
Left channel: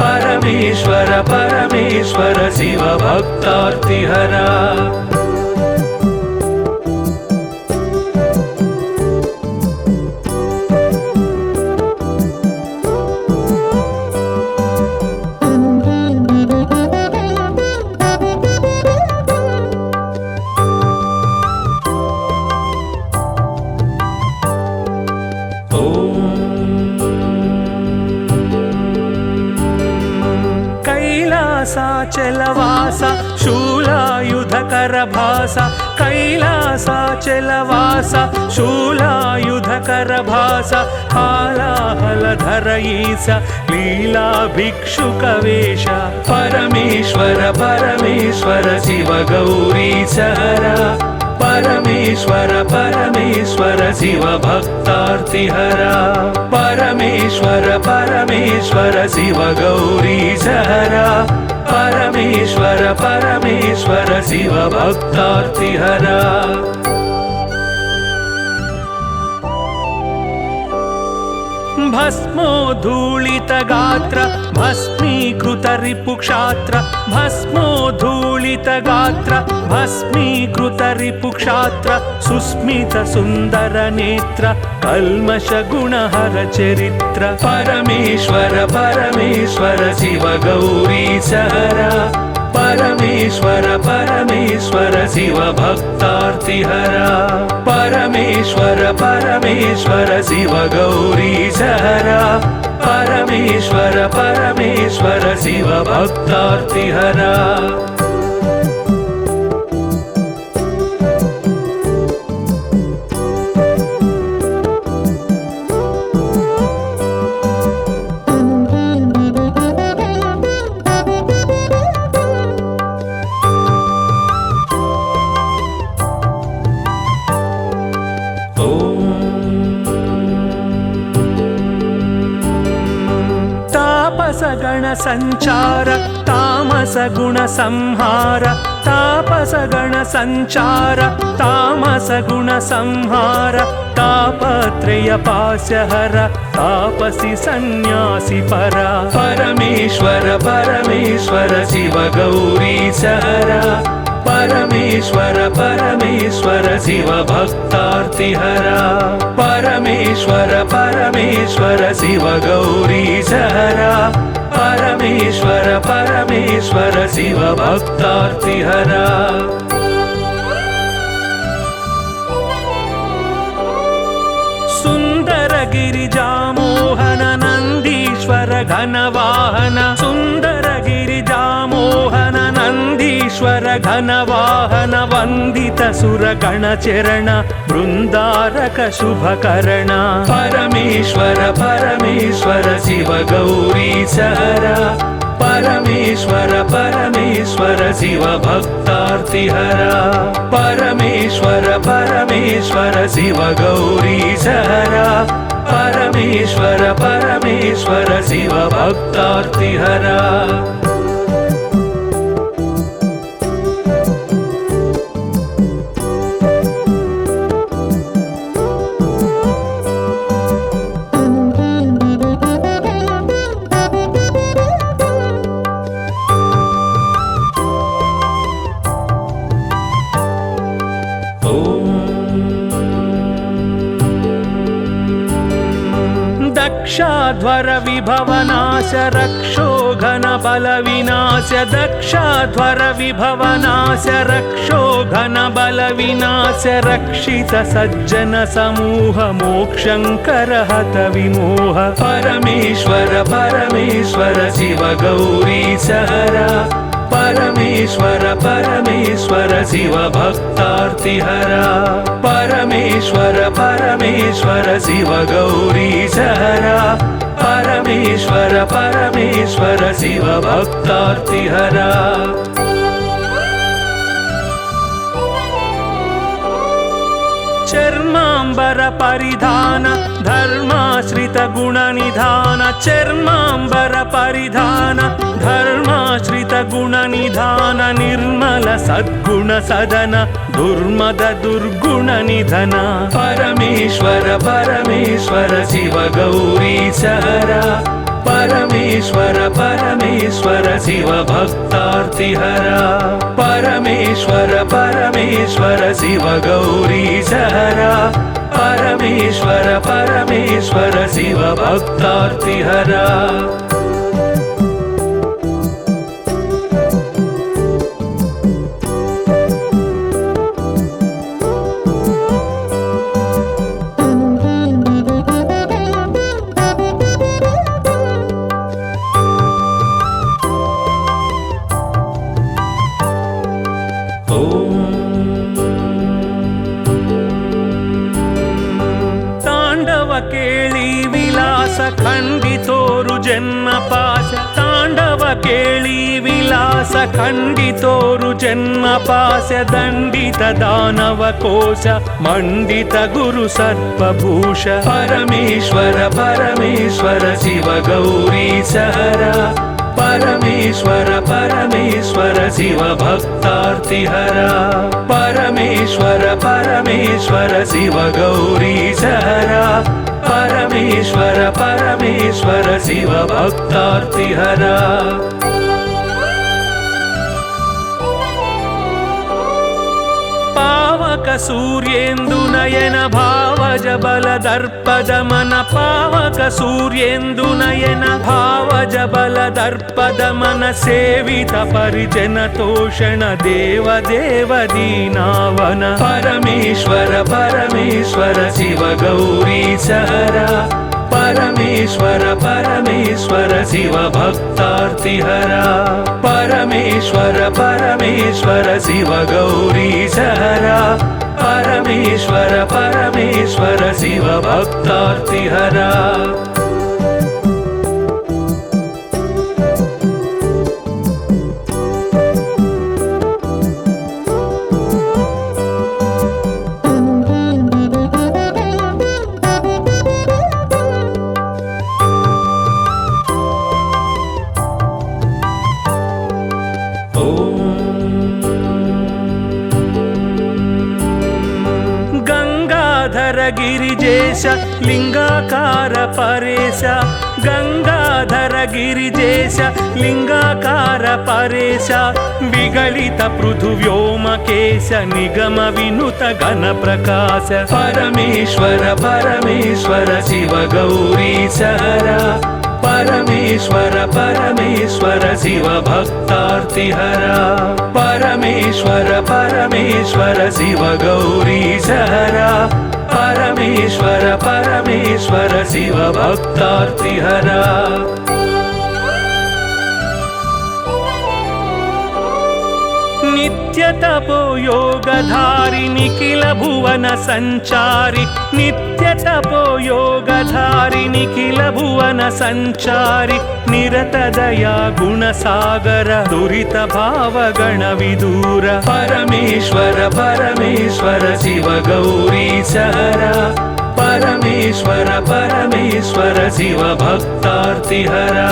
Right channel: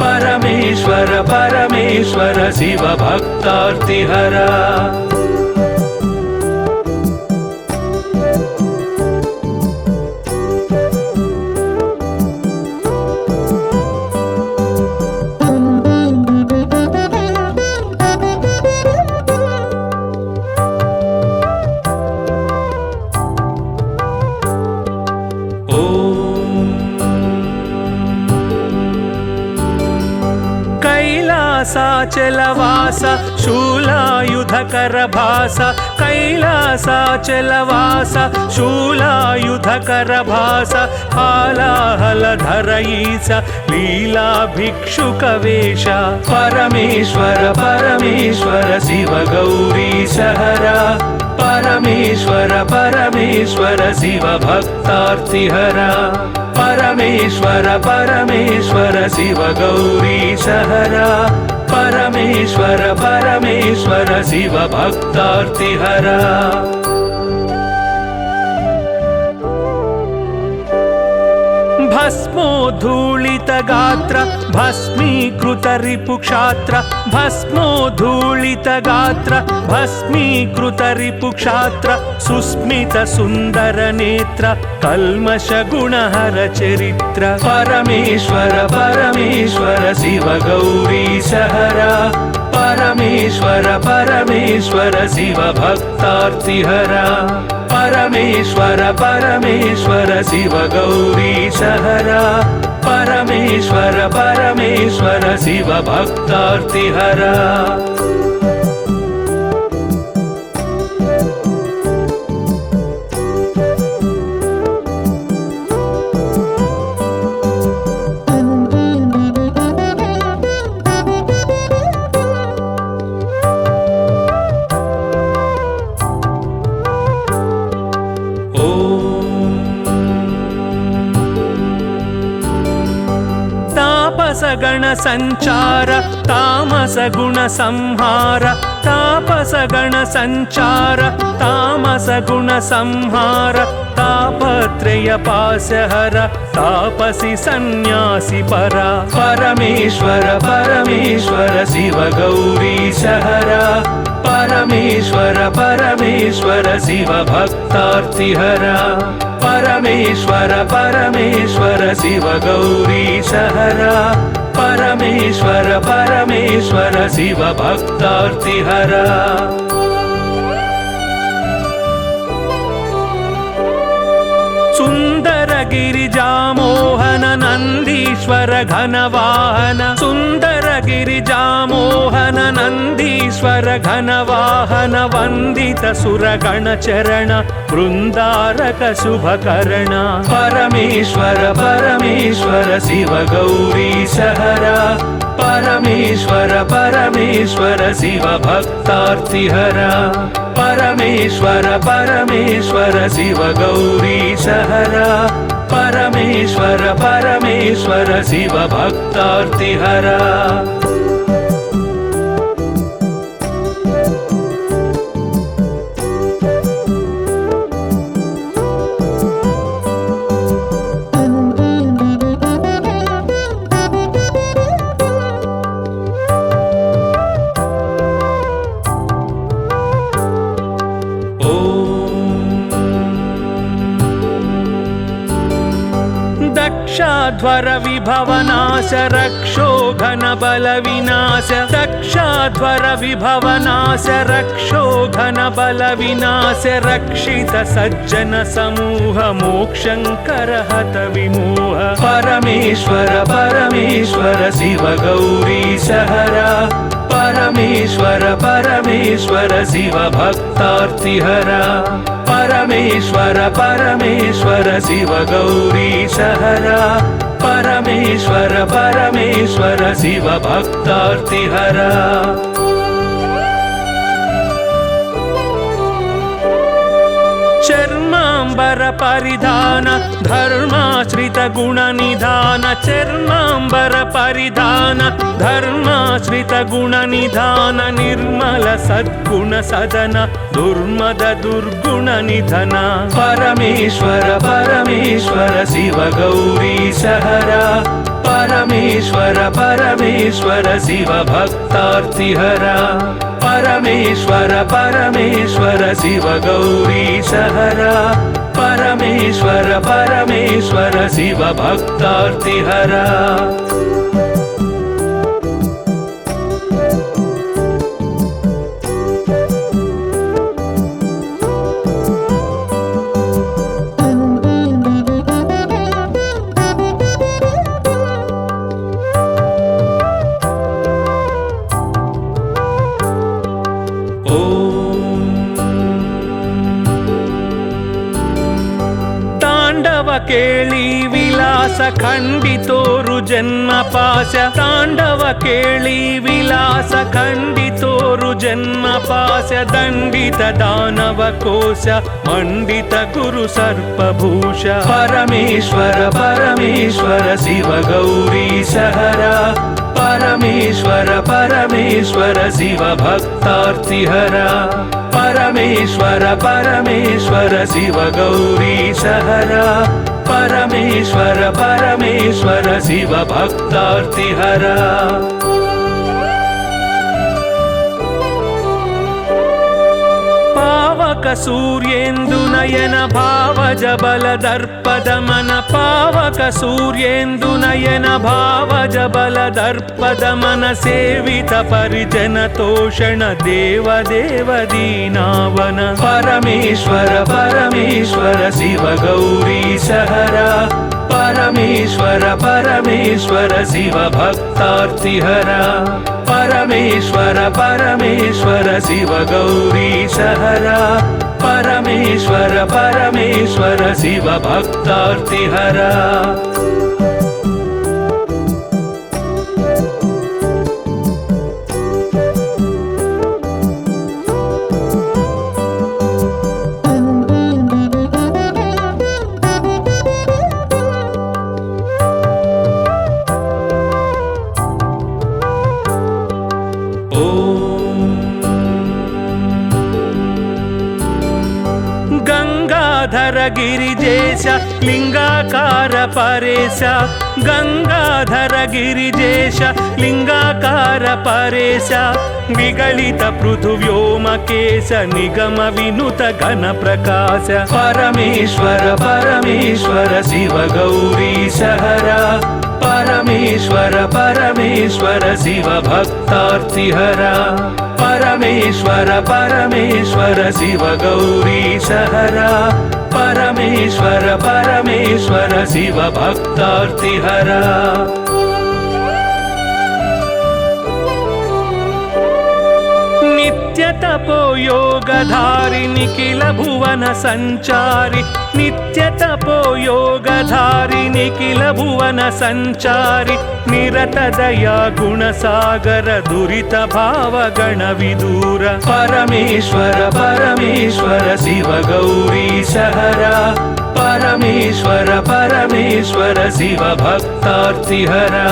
परमेश्वर परमेश्वर शिव भक्तार्तिहरा कैलासाचलवास शूलायुधकर भास कैलासाचलवास शूलायुधकर भास हालाहलधर ईश लीला भिक्षुकवेश परमेश्वर परमेश्वर शिव गौरीश हरा परमेश्वर परमेश्वर शिव भक्तार्तिहरा परमेश्वर परमेश्वर शिव गौरीश हरा परमेश्वर परमेश्वर शिव भक्तार्तिहरा भस्मोद्धूलित गात्र भस्मीकृत रिपुक्षात्र भस्मोद्धूलित गात्र भस्मीकृत रिपुक्षात्र सुस्मित सुन्दर नेत्र कल्मष गुणहर चरित्र परमेश्वर परमेश्वर शिव गौरीश हरा परमेश्वर परमेश्वर शिव भक्तार्तिहरा परमेश्वर परमेश्वर शिव गौरीश हरा परमेश्वर परमेश्वर शिव भक्तार्तिहरा गण संचार तामस गुण संहार तापस गण संचार तामस गुण संहार तापत्रय पाशहर तापसी सन्यासी परा परमेश्वर परमेश्वर शिव गौरीश हरा परमेश्वर परमेश्वर शिव भक्तार्तिहरा परमेश्वर परमेश्वर शिव गौरीश हरा परमेश्वर परमेश्वर परमेश्वर शिव भक्तार्तिहरा सुंदर गिरिजामोहन नंदीश्वर घनवाहन सुंदर गिरिजामोहन नंदीश्वर घनवाहन वंदित सुरगण चरण वृंदारक शुभकरण परमेश्वर परमेश्वर शिव गौरी सहरा परमेश्वर परमेश्वर शिव भक्तार्तिहरा परमेश्वर परमेश्वर शिव गौरी सहरा परमेश्वर परमेश्वर शिव भक्तार्तिहरा दक्षाध्वर विभवनाश रक्षो घन बल विनाश दक्षाध्वर विभवनाश रक्षो घन बल विनाश रक्षित सज्जन समूह मोक्षंकर हत विमोह परमेश्वर परमेश्वर शिव गौरी सहरा परमेश्वर परमेश्वर शिव भक्तार्तिहरा परमेश्वर परमेश्वर शिव गौरी सहरा परमेश्वर परमेश्वर शिव भक्तार्तिहरा चर्मांबर परिधान धर्माश्रित गुण निधान चर्मांबर परिधान धर्माश्रित गुण निधान निर्मल सद्गुण सदन दुर्मद दुर्गुण निधन परमेश्वर परमेश्वर शिव गौरी सहरा परमेश्वर परमेश्वर शिव भक्तार्तिहरा परमेश्वर परमेश्वर शिव गौरी सहरा परमेश्वर परमेश्वर शिव भक्तार्तिहरा केळी विलास खंडितोरु जन्म पाश तांडव केळी विलास खंडितोरु जन्म पाश दंडित दानव कोश मंडित गुरु सर्पभूष परमेश्वर परमेश्वर शिव गौरी सहरा परमेश्वर परमेश्वर शिव भक्तार्तिहरा परमेश्वर परमेश्वर शिव गौरी सहरा परमेश्वर परमेश्वर शिव भक्तार्तिहरा पावक सूर्येन्दु नयन भावज बल दर्पद मन पावक सूर्येन्दु नयन भावज बल दर्पद मन सेवित परिजन तोषण देव देव दीनावन परमेश्वर परमेश्वर शिव गौरी सहरा परमेश्वर परमेश्वर शिव भक्तार्तिहरा परमेश्वर परमेश्वर शिव गौरी सहरा परमेश्वर परमेश्वर शिव भक्तार्तिहरा गिरिजेश लिंगाकार परेश गंगाधर गिरिजेश लिंगाकार परेश निगलित पृथुव्योमकेश निगम विनुत घन प्रकाश परमेश्वर परमेश्वर शिव गौरी सहरा परमेश्वर परमेश्वर शिव भक्तार्तिहरा परमेश्वर परमेश्वर शिव गौरीशहरा परमेश्वर परमेश्वर शिव भक्तार्तिहरा नित्य तपो योगधारि निखिल भुवन संचारि नित्य तपो योगधारि निखिल भुवन संचारि निरत दया गुणसागर दुरित भाव गण विदूर परमेश्वर परमेश्वर शिव गौरीशहरा परमेश्वर परमेश्वर शिव भक्तार्तिहरा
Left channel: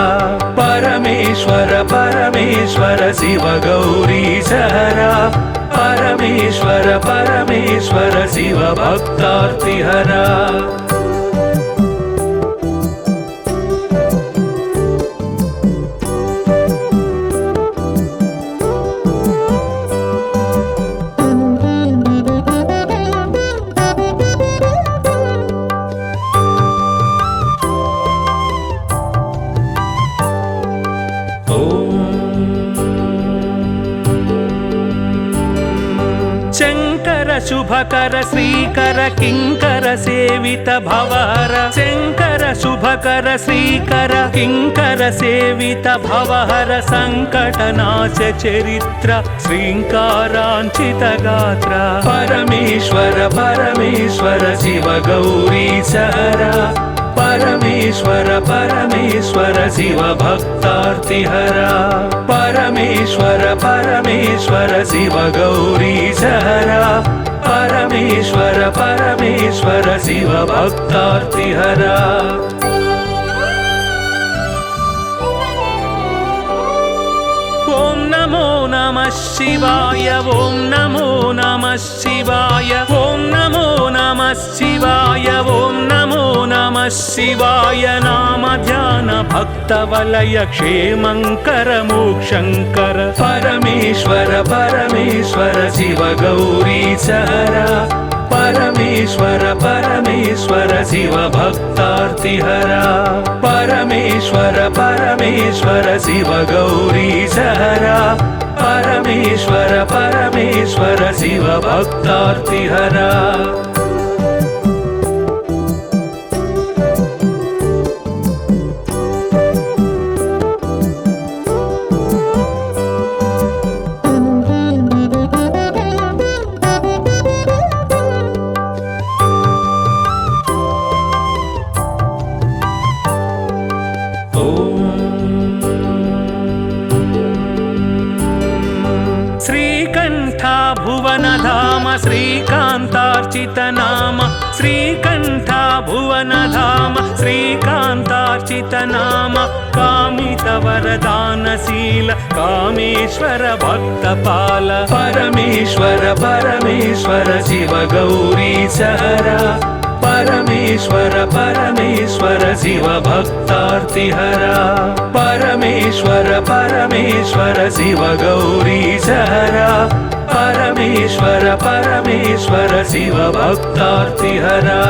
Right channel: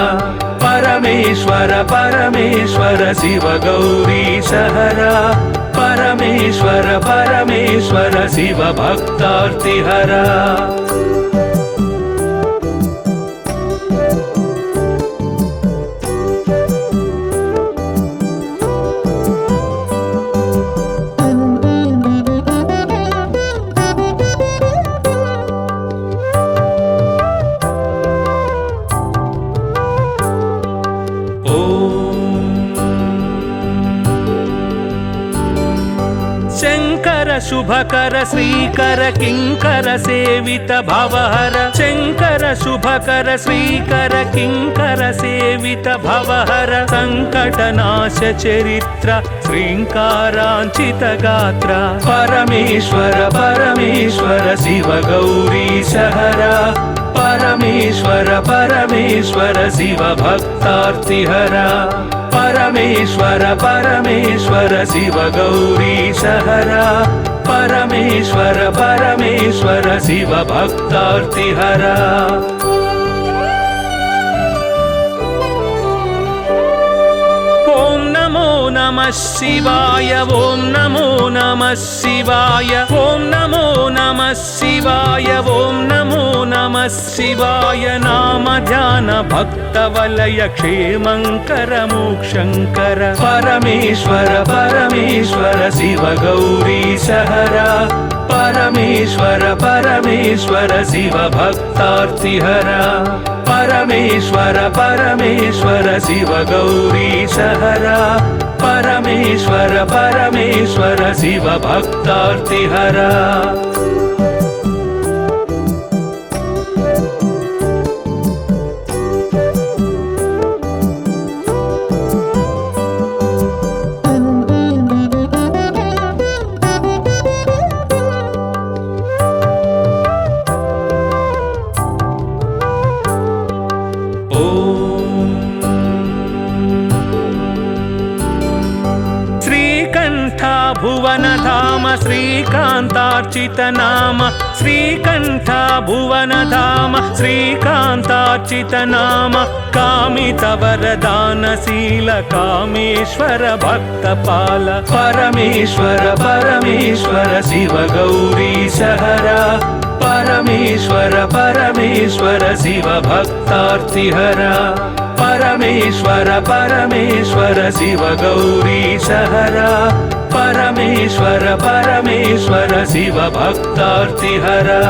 परमेश्वर परमेश्वर शिव गौरीशहरा परमेश्वर परमेश्वर शिव भक्तार्तिहरा शुभकर श्रीकर किंकर सेवित भवहर शंकर शुभकर श्रीकर किंकर सेवित भवहर संकटनाश चरित्र श्रींकारांचित गात्र परमेश्वर परमेश्वर शिव गौरीशहरा परमेश्वर परमेश्वर शिव भक्तार्तिहरा परमेश्वर परमेश्वर शिव गौरीशहरा परमेश्वर परमेश्वर शिव भक्तार्तिहरा ओम नमो नमः शिवाय ओम नमो नमः शिवाय ओम नमो नमः शिवाय ओम नमो नमः शिवाय नाम ध्यान भक्त वलय क्षेमंकर मोक्षंकर परमेश्वर परमेश्वर शिव गौरीशहरा परमेश्वर परमेश्वर शिव भक्तार्तिहरा परमेश्वर परमेश्वर शिव गौरीशहरा परमेश्वर परमेश्वर शिव भक्तार्तिहरा श्रीकांतार्चित नाम श्रीकंठ भुवन धाम श्रीकांतार्चित नाम कामित वरदानशील कामेश्वर भक्तपाल परमेश्वर परमेश्वर शिव गौरीशहरा परमेश्वर परमेश्वर शिव भक्तार्तिहरा परमेश्वर परमेश्वर शिव गौरीशहरा परमेश्वर परमेश्वर शिव भक्तार्तिहरा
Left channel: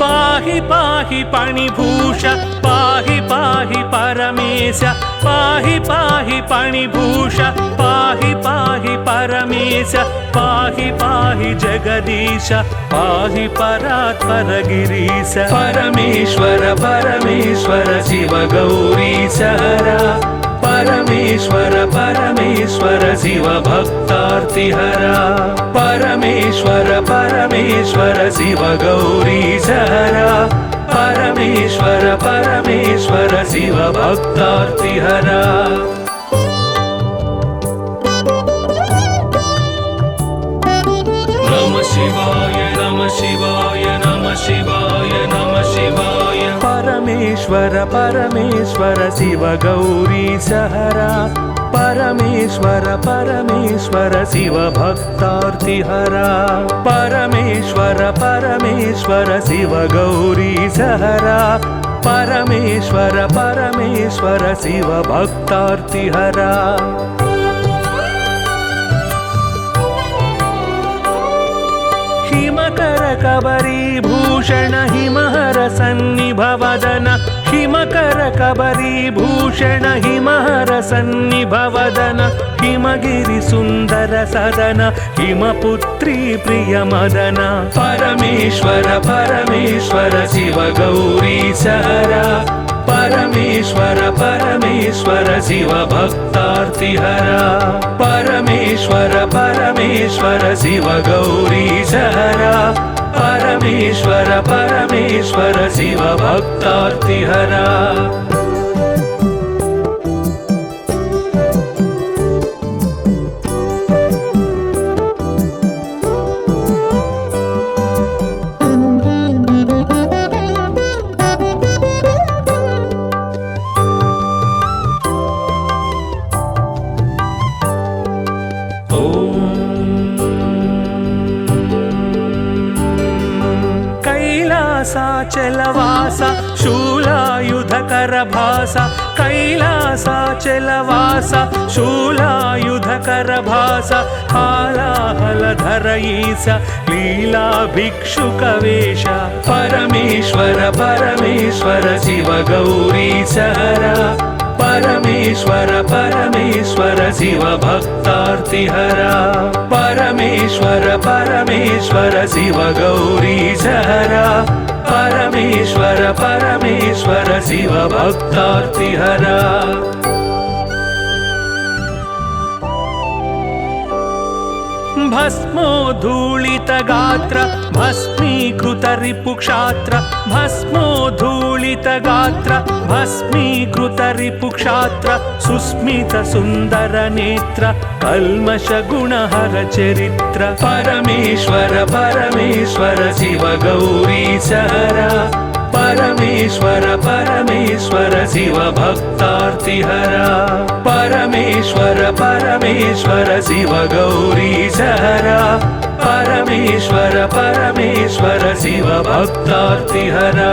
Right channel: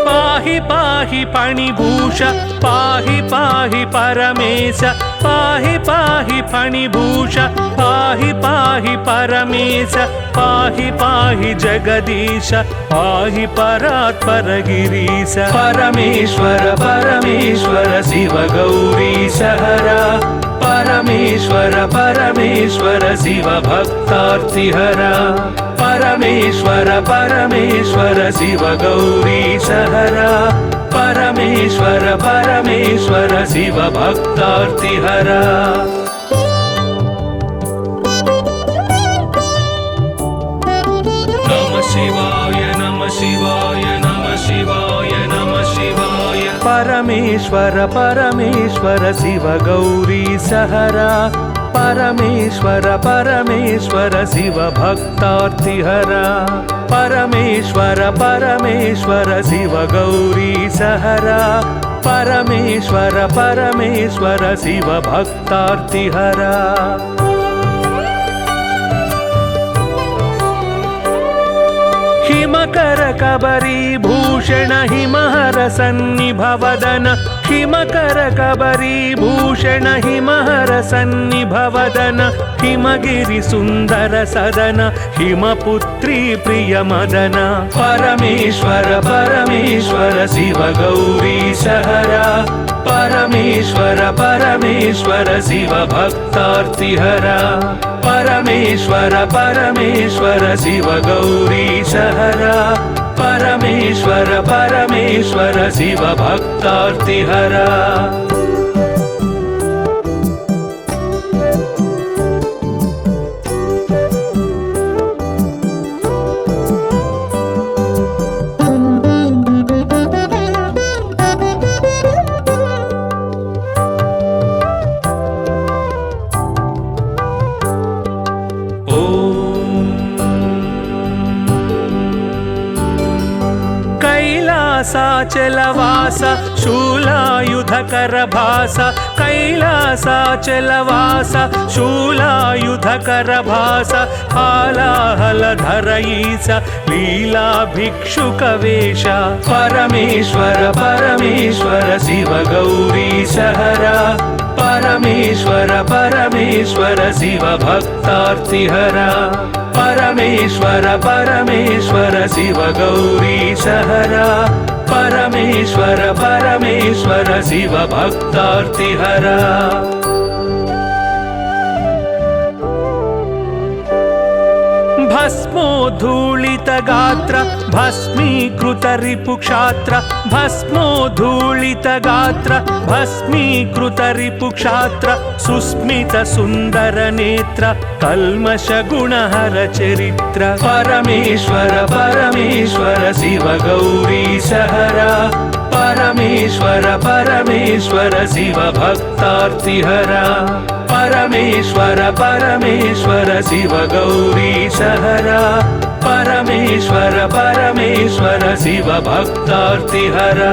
पाहि पाहि पाणिभूष पाहि पाहि परमेश पाहि पाहि पाणिभूष पाहि पाहि परमेश पाहि पाहि जगदीश पाहि परात्पर गिरीश परमेश्वर परमेश्वर शिव गौरीशहरा परमेश्वर परमेश्वर शिव भक्तार्तिहरा परमेश्वर परमेश्वर शिव गौरीशहरा परमेश्वर परमेश्वर शिव भक्तार्तिहरा नमः शिवाय नमः शिवाय नमः शिवाय नमः शिवाय परमेश्वर परमेश्वर शिव गौरीशहरा परमेश्वर परमेश्वर शिव भक्तार्तिहरा परमेश्वर परमेश्वर शिव गौरीशहरा परमेश्वर परमेश्वर शिव भक्तार्तिहरा हिमकर कबरी हिमकर कबरीभूषण हिमहर सन्निभवदन हिमगिरि सुन्दर सदन हिमपुत्री प्रियमदन परमेश्वर परमेश्वर शिव गौरी सहरा परमेश्वर परमेश्वर शिव भक्तार्तिहरा परमेश्वर परमेश्वर शिव गौरी सहरा परमेश्वर परमेश्वर शिव भक्तार्तिहरा कैलासाचलवास शूलायुधकर भास कैलासाचलवास शूलायुधकर भास हालाहलधर ईश लीला भिक्षुकवेश परमेश्वर परमेश्वर शिव गौरी सहरा परमेश्वर परमेश्वर शिव भक्तार्तिहरा परमेश्वर परमेश्वर शिव गौरी सहरा परमेश्वर परमेश्वर शिव भक्तार्तिहरा भस्मोद्धूलित गात्र भस्मीकृत रिपुक्षात्र भस्मोद्धूलित गात्र भस्मीकृत रिपुक्षात्र सुस्मित सुन्दर नेत्र कल्मष गुणहर चरित्र परमेश्वर परमेश्वर शिव गौरी सहरा परमेश्वर परमेश्वर शिव भक्तार्तिहरा परमेश्वर परमेश्वर शिव गौरी सहरा परमेश्वर परमेश्वर शिव भक्तार्तिहरा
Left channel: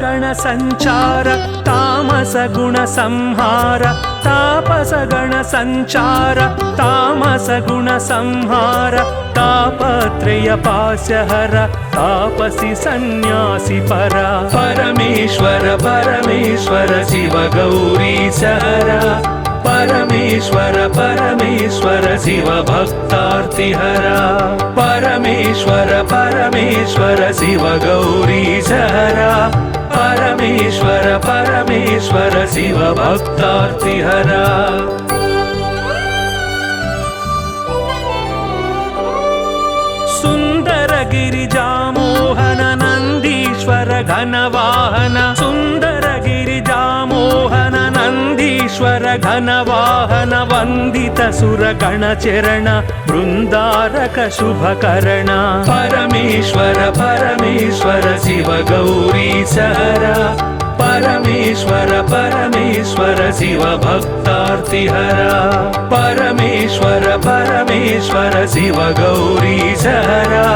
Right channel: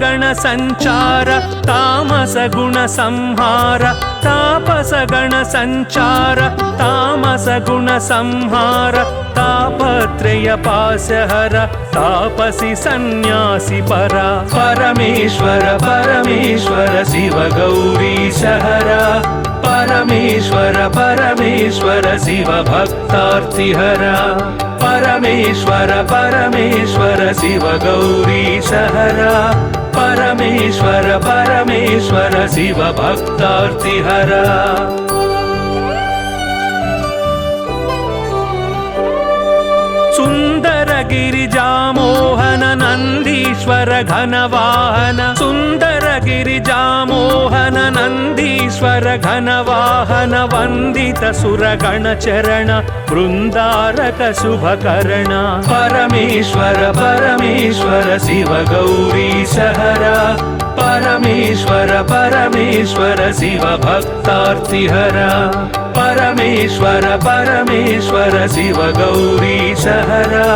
गण संचार तामस गुण संहार तापस गण संचार तामस गुण संहार तापत्रय पाशहर तापसी सन्यासी परा परमेश्वर परमेश्वर शिव गौरी सहरा परमेश्वर परमेश्वर शिव भक्तार्तिहरा परमेश्वर परमेश्वर शिव गौरी सहरा परमेश्वर परमेश्वर शिव भक्तार्तिहरा सुंदर गिरिजामोहन नंदीश्वर घनवाहन सुंदर गिरिजामोहन नंदीश्वर घनवाहन वंदित सुरगण चरण वृंदारक शुभकर्ण परमेश्वर परमेश्वर शिव गौरी सहरा परमेश्वर परमेश्वर शिव भक्तार्तिहरा परमेश्वर परमेश्वर शिव गौरी सहरा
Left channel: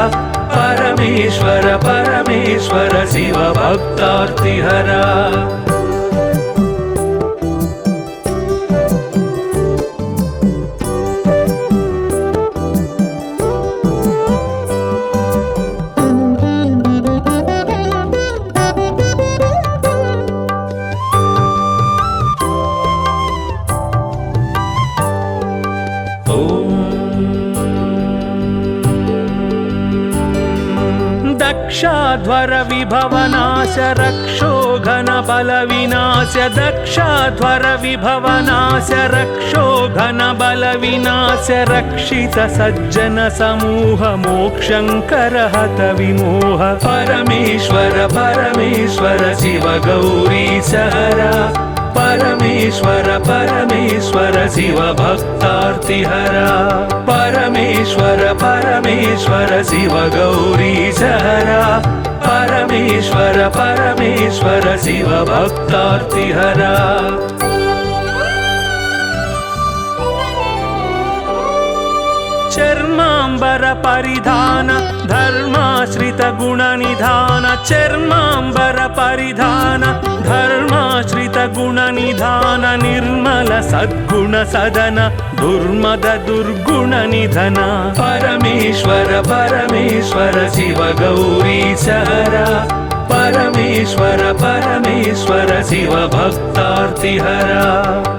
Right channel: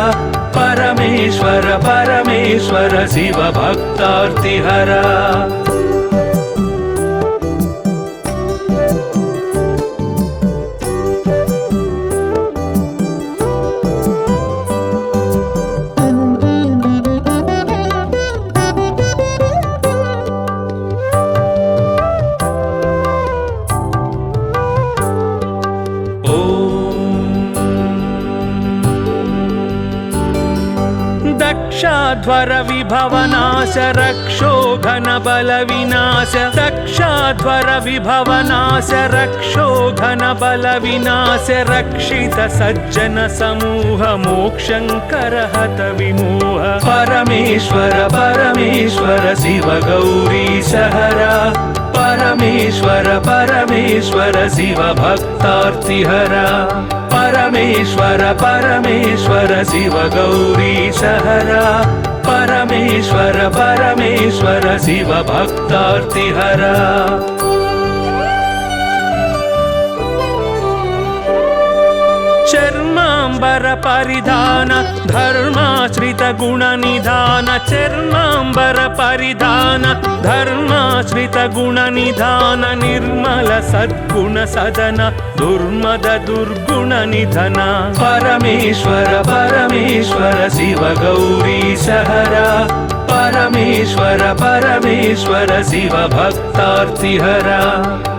परमेश्वर परमेश्वर शिव भक्तार्तिहरा दक्षाध्वर विभवनाश रक्षोघन बल विनाश दक्षाध्वर विभवनाश रक्षोघन बल विनाश रक्षित सज्जन समूह मोक्षंकर हत विमोह परमेश्वर परमेश्वर शिव गौरी सहरा परमेश्वर परमेश्वर शिव भक्तार्तिहरा परमेश्वर परमेश्वर शिव गौरी सहरा परमेश्वर परमेश्वर शिव भक्तार्तिहरा परिधान धर्माश्रित गुण निधान चर्मांबर परिधान धर्माश्रित गुण निधान निर्मल सद्गुण सदन दुर्मद दुर्गुण निधन परमेश्वर परमेश्वर शिव गौरीश हरा परमेश्वर परमेश्वर शिव भक्तार्तिहरा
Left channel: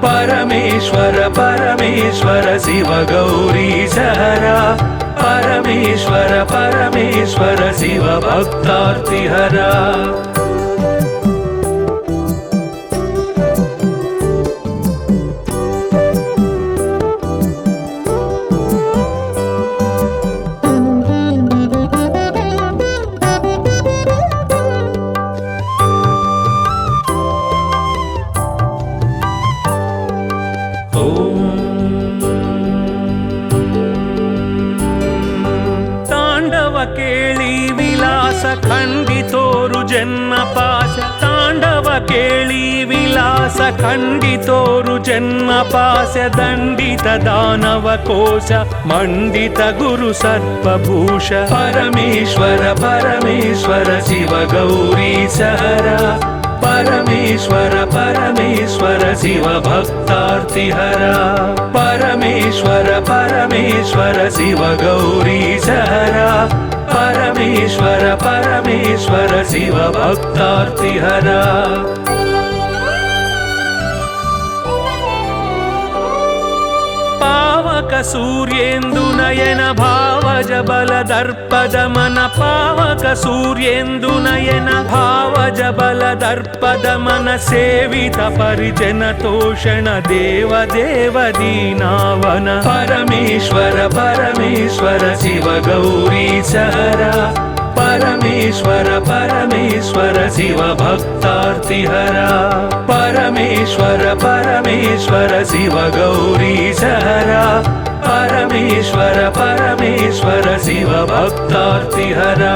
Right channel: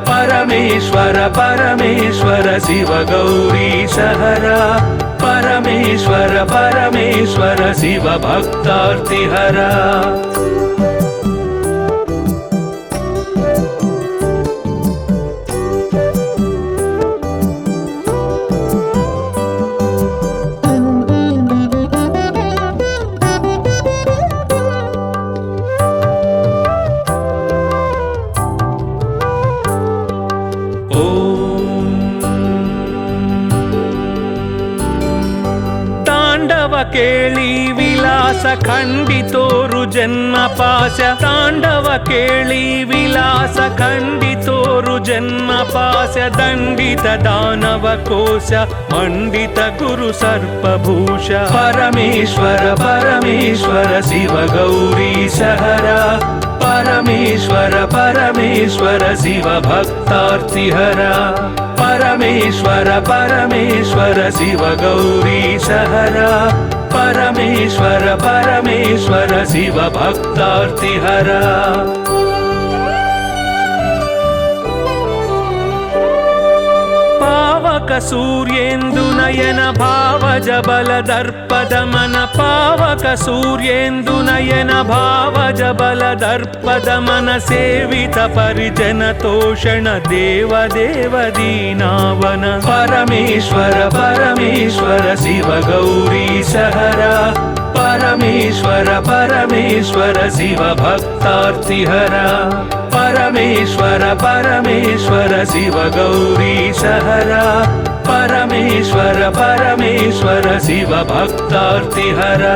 परमेश्वर परमेश्वर शिव गौरीश हरा परमेश्वर परमेश्वर शिव भक्तार्तिहरा केळी विलास खंडितोरु जन्म पाश तांडव केळी विलास खंडितोरु जन्म पाश दंडित दानव कोश मंडित गुरु सर्पभूष परमेश्वर परमेश्वर शिव गौरीश हरा परमेश्वर परमेश्वर शिव भक्तार्तिहरा परमेश्वर परमेश्वर शिव गौरीश हरा परमेश्वर परमेश्वर शिव भक्तार्तिहरा पावक सूर्येन्दुनयन भावज बल दर्पद मन पावक सूर्येन्दुनयन भावज बल दर्पद मन सेवित परिजन तोषण देव देव दीनावन परमेश्वर परमेश्वर शिव गौरीश हरा परमेश्वर परमेश्वर शिव भक्तार्तिहरा परमेश्वर परमेश्वर शिव गौरीश हरा परमेश्वर परमेश्वर शिव भक्तार्तिहरा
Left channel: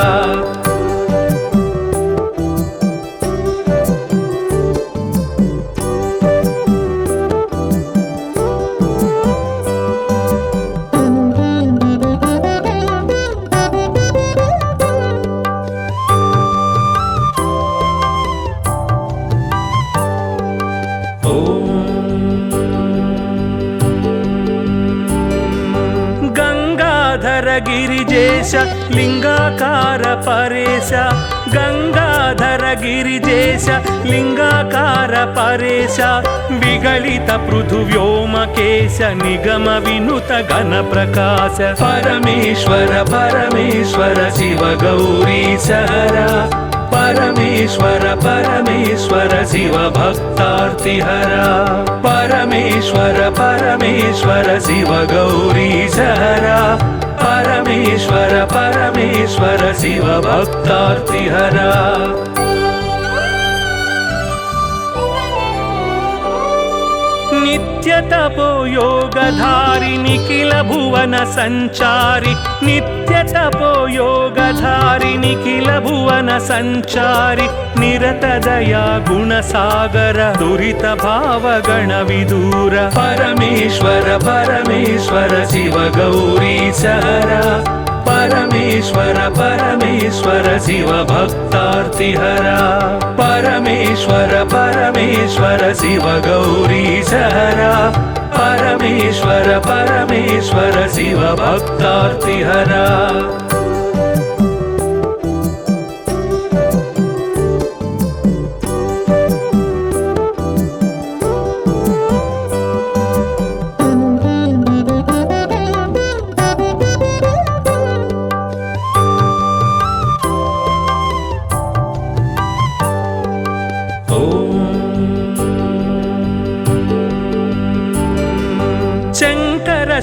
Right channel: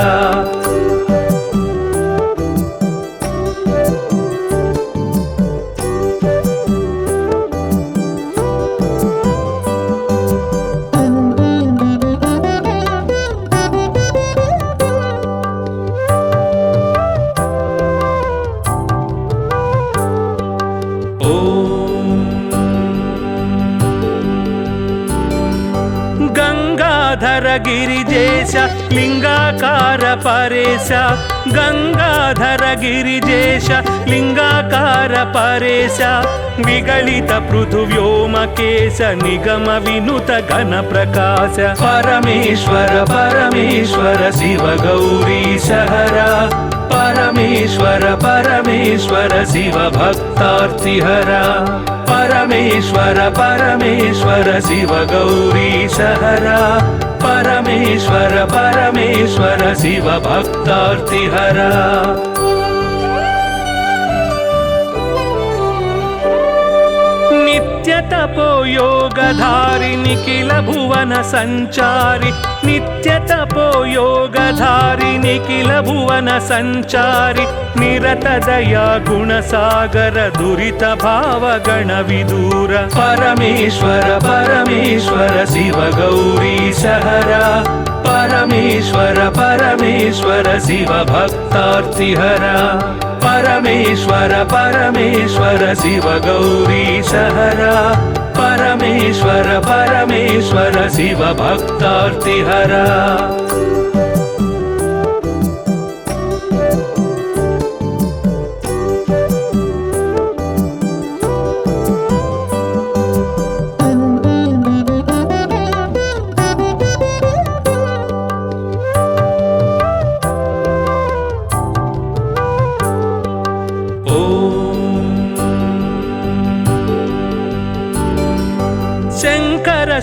गिरिजेश लिंगाकार परेश गंगाधर गिरिजेश लिंगाकार परेश निगलित पृथुव्योमकेश निगम विनुत गण प्रकाश परमेश्वर परमेश्वर शिव गौरीश हरा परमेश्वर परमेश्वर शिव भक्तार्तिहरा परमेश्वर परमेश्वर शिव गौरीश हरा परमेश्वर परमेश्वर शिव भक्तार्तिहरा नित्य तपो योगधारि निखिल भुवन संचारि नित्य तपो योगधारि निखिल भुवन संचारि निरत दया गुण सागर दुरित भाव गण विदूर परमेश्वर परमेश्वर शिव गौरीश हरा परमेश्वर परमेश्वर शिव भक्तार्तिहरा परमेश्वर परमेश्वर शिव गौरीश हरा परमेश्वर परमेश्वर शिव भक्तार्तिहरा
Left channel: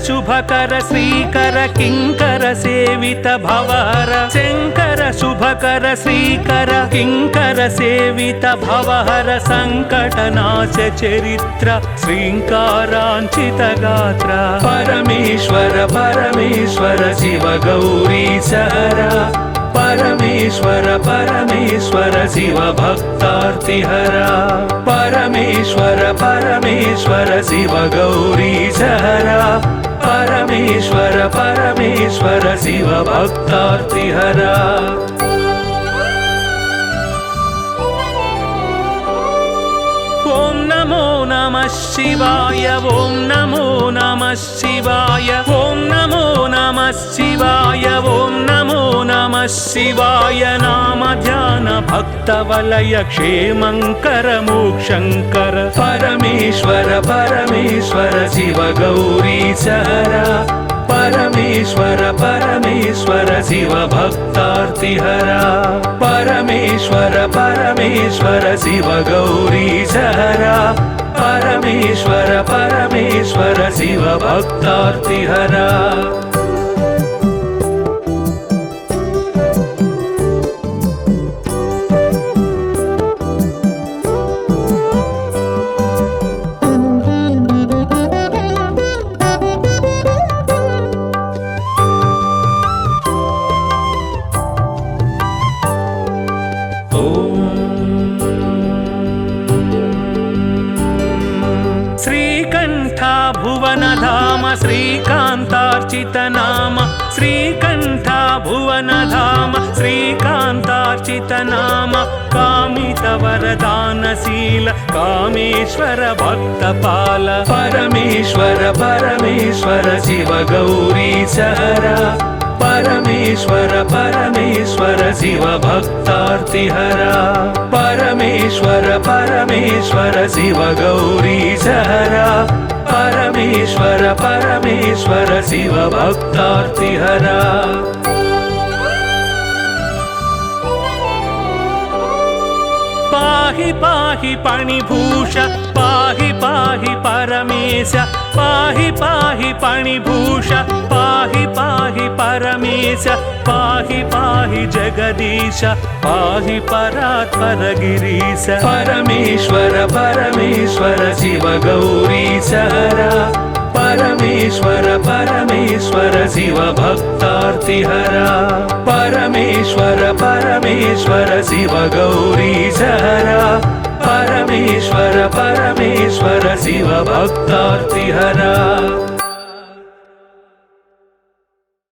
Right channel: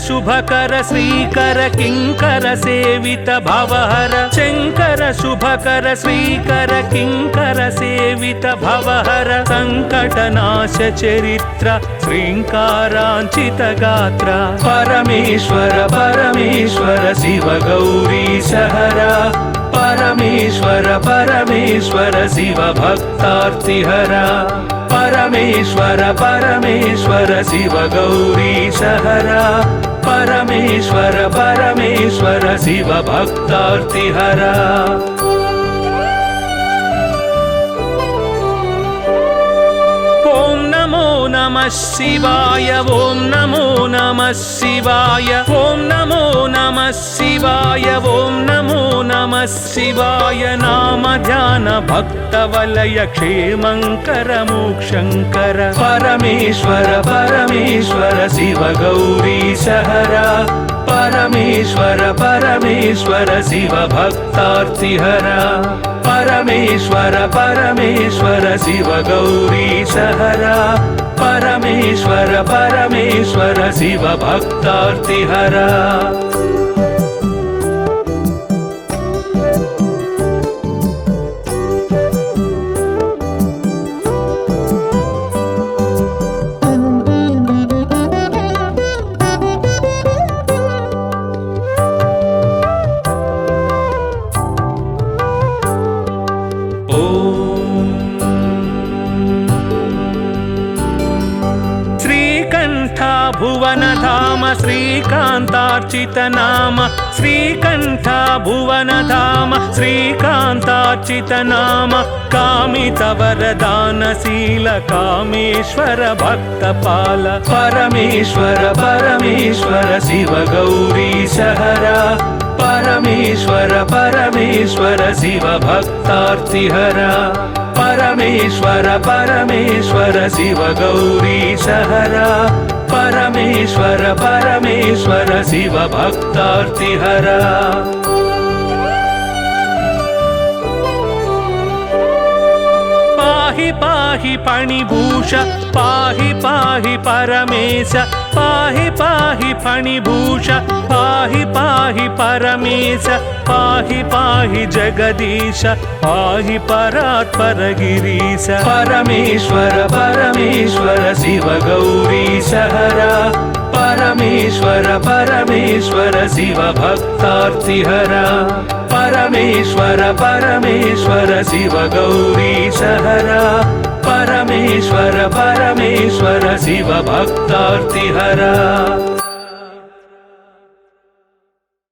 शुभकर श्रीकर किंकर सेवित भवहर शंकर शुभकर श्रीकर किंकर सेवित भवहर संकटनाश चरित्र श्रींकारांचित गात्र परमेश्वर परमेश्वर शिव गौरीश हरा परमेश्वर परमेश्वर शिव भक्तार्तिहरा परमेश्वर परमेश्वर शिव गौरीश हरा परमेश्वर परमेश्वर शिव भक्तार्तिहरा। ॐ नमो नमः शिवाय, ॐ नमो नमः शिवाय, ॐ नमो नमः शिवाय, ॐ नमो नमः शिवाय। नाम ध्यान भक्तवलय क्षेमङ्कर मोक्षङ्कर परमेश्वर परमेश्वर शिव गौरीशहरा। परमेश्वर परमेश्वर शिव भक्तार्तिहरा। परमेश्वर परमेश्वर शिव गौरीशहरा। परमेश्वर परमेश्वर शिव भक्तार्तिहरा। श्रीकान्तार्चित नाम श्रीकण्ठ भुवन धाम श्रीकान्तार्चित नाम कामित वरदानशील कामेश्वर भक्तपाल परमेश्वर परमेश्वर शिव गौरीशहरा। परमेश्वर परमेश्वर शिव भक्तार्तिहरा। परमेश्वर परमेश्वर शिव गौरीशहरा। परमेश्वर परमेश्वर शिव भक्तार्तिहरा। पाहि पाहि पणिभूष पाहि पाहि परमेश पाहि पाहि पणिभूष पाहि पाहि परमेश पाहि पाहि जगदीश पाहि परात्पर गिरीश। परमेश्वर परमेश्वर शिव गौरीशहरा। परमेश्वर परमेश्वर शिव भक्तार्तिहरा। परमेश्वर परमेश्वर शिव गौरीशहरा। परमेश्वर परमेश्वर शिव भक्तार्तिहरा।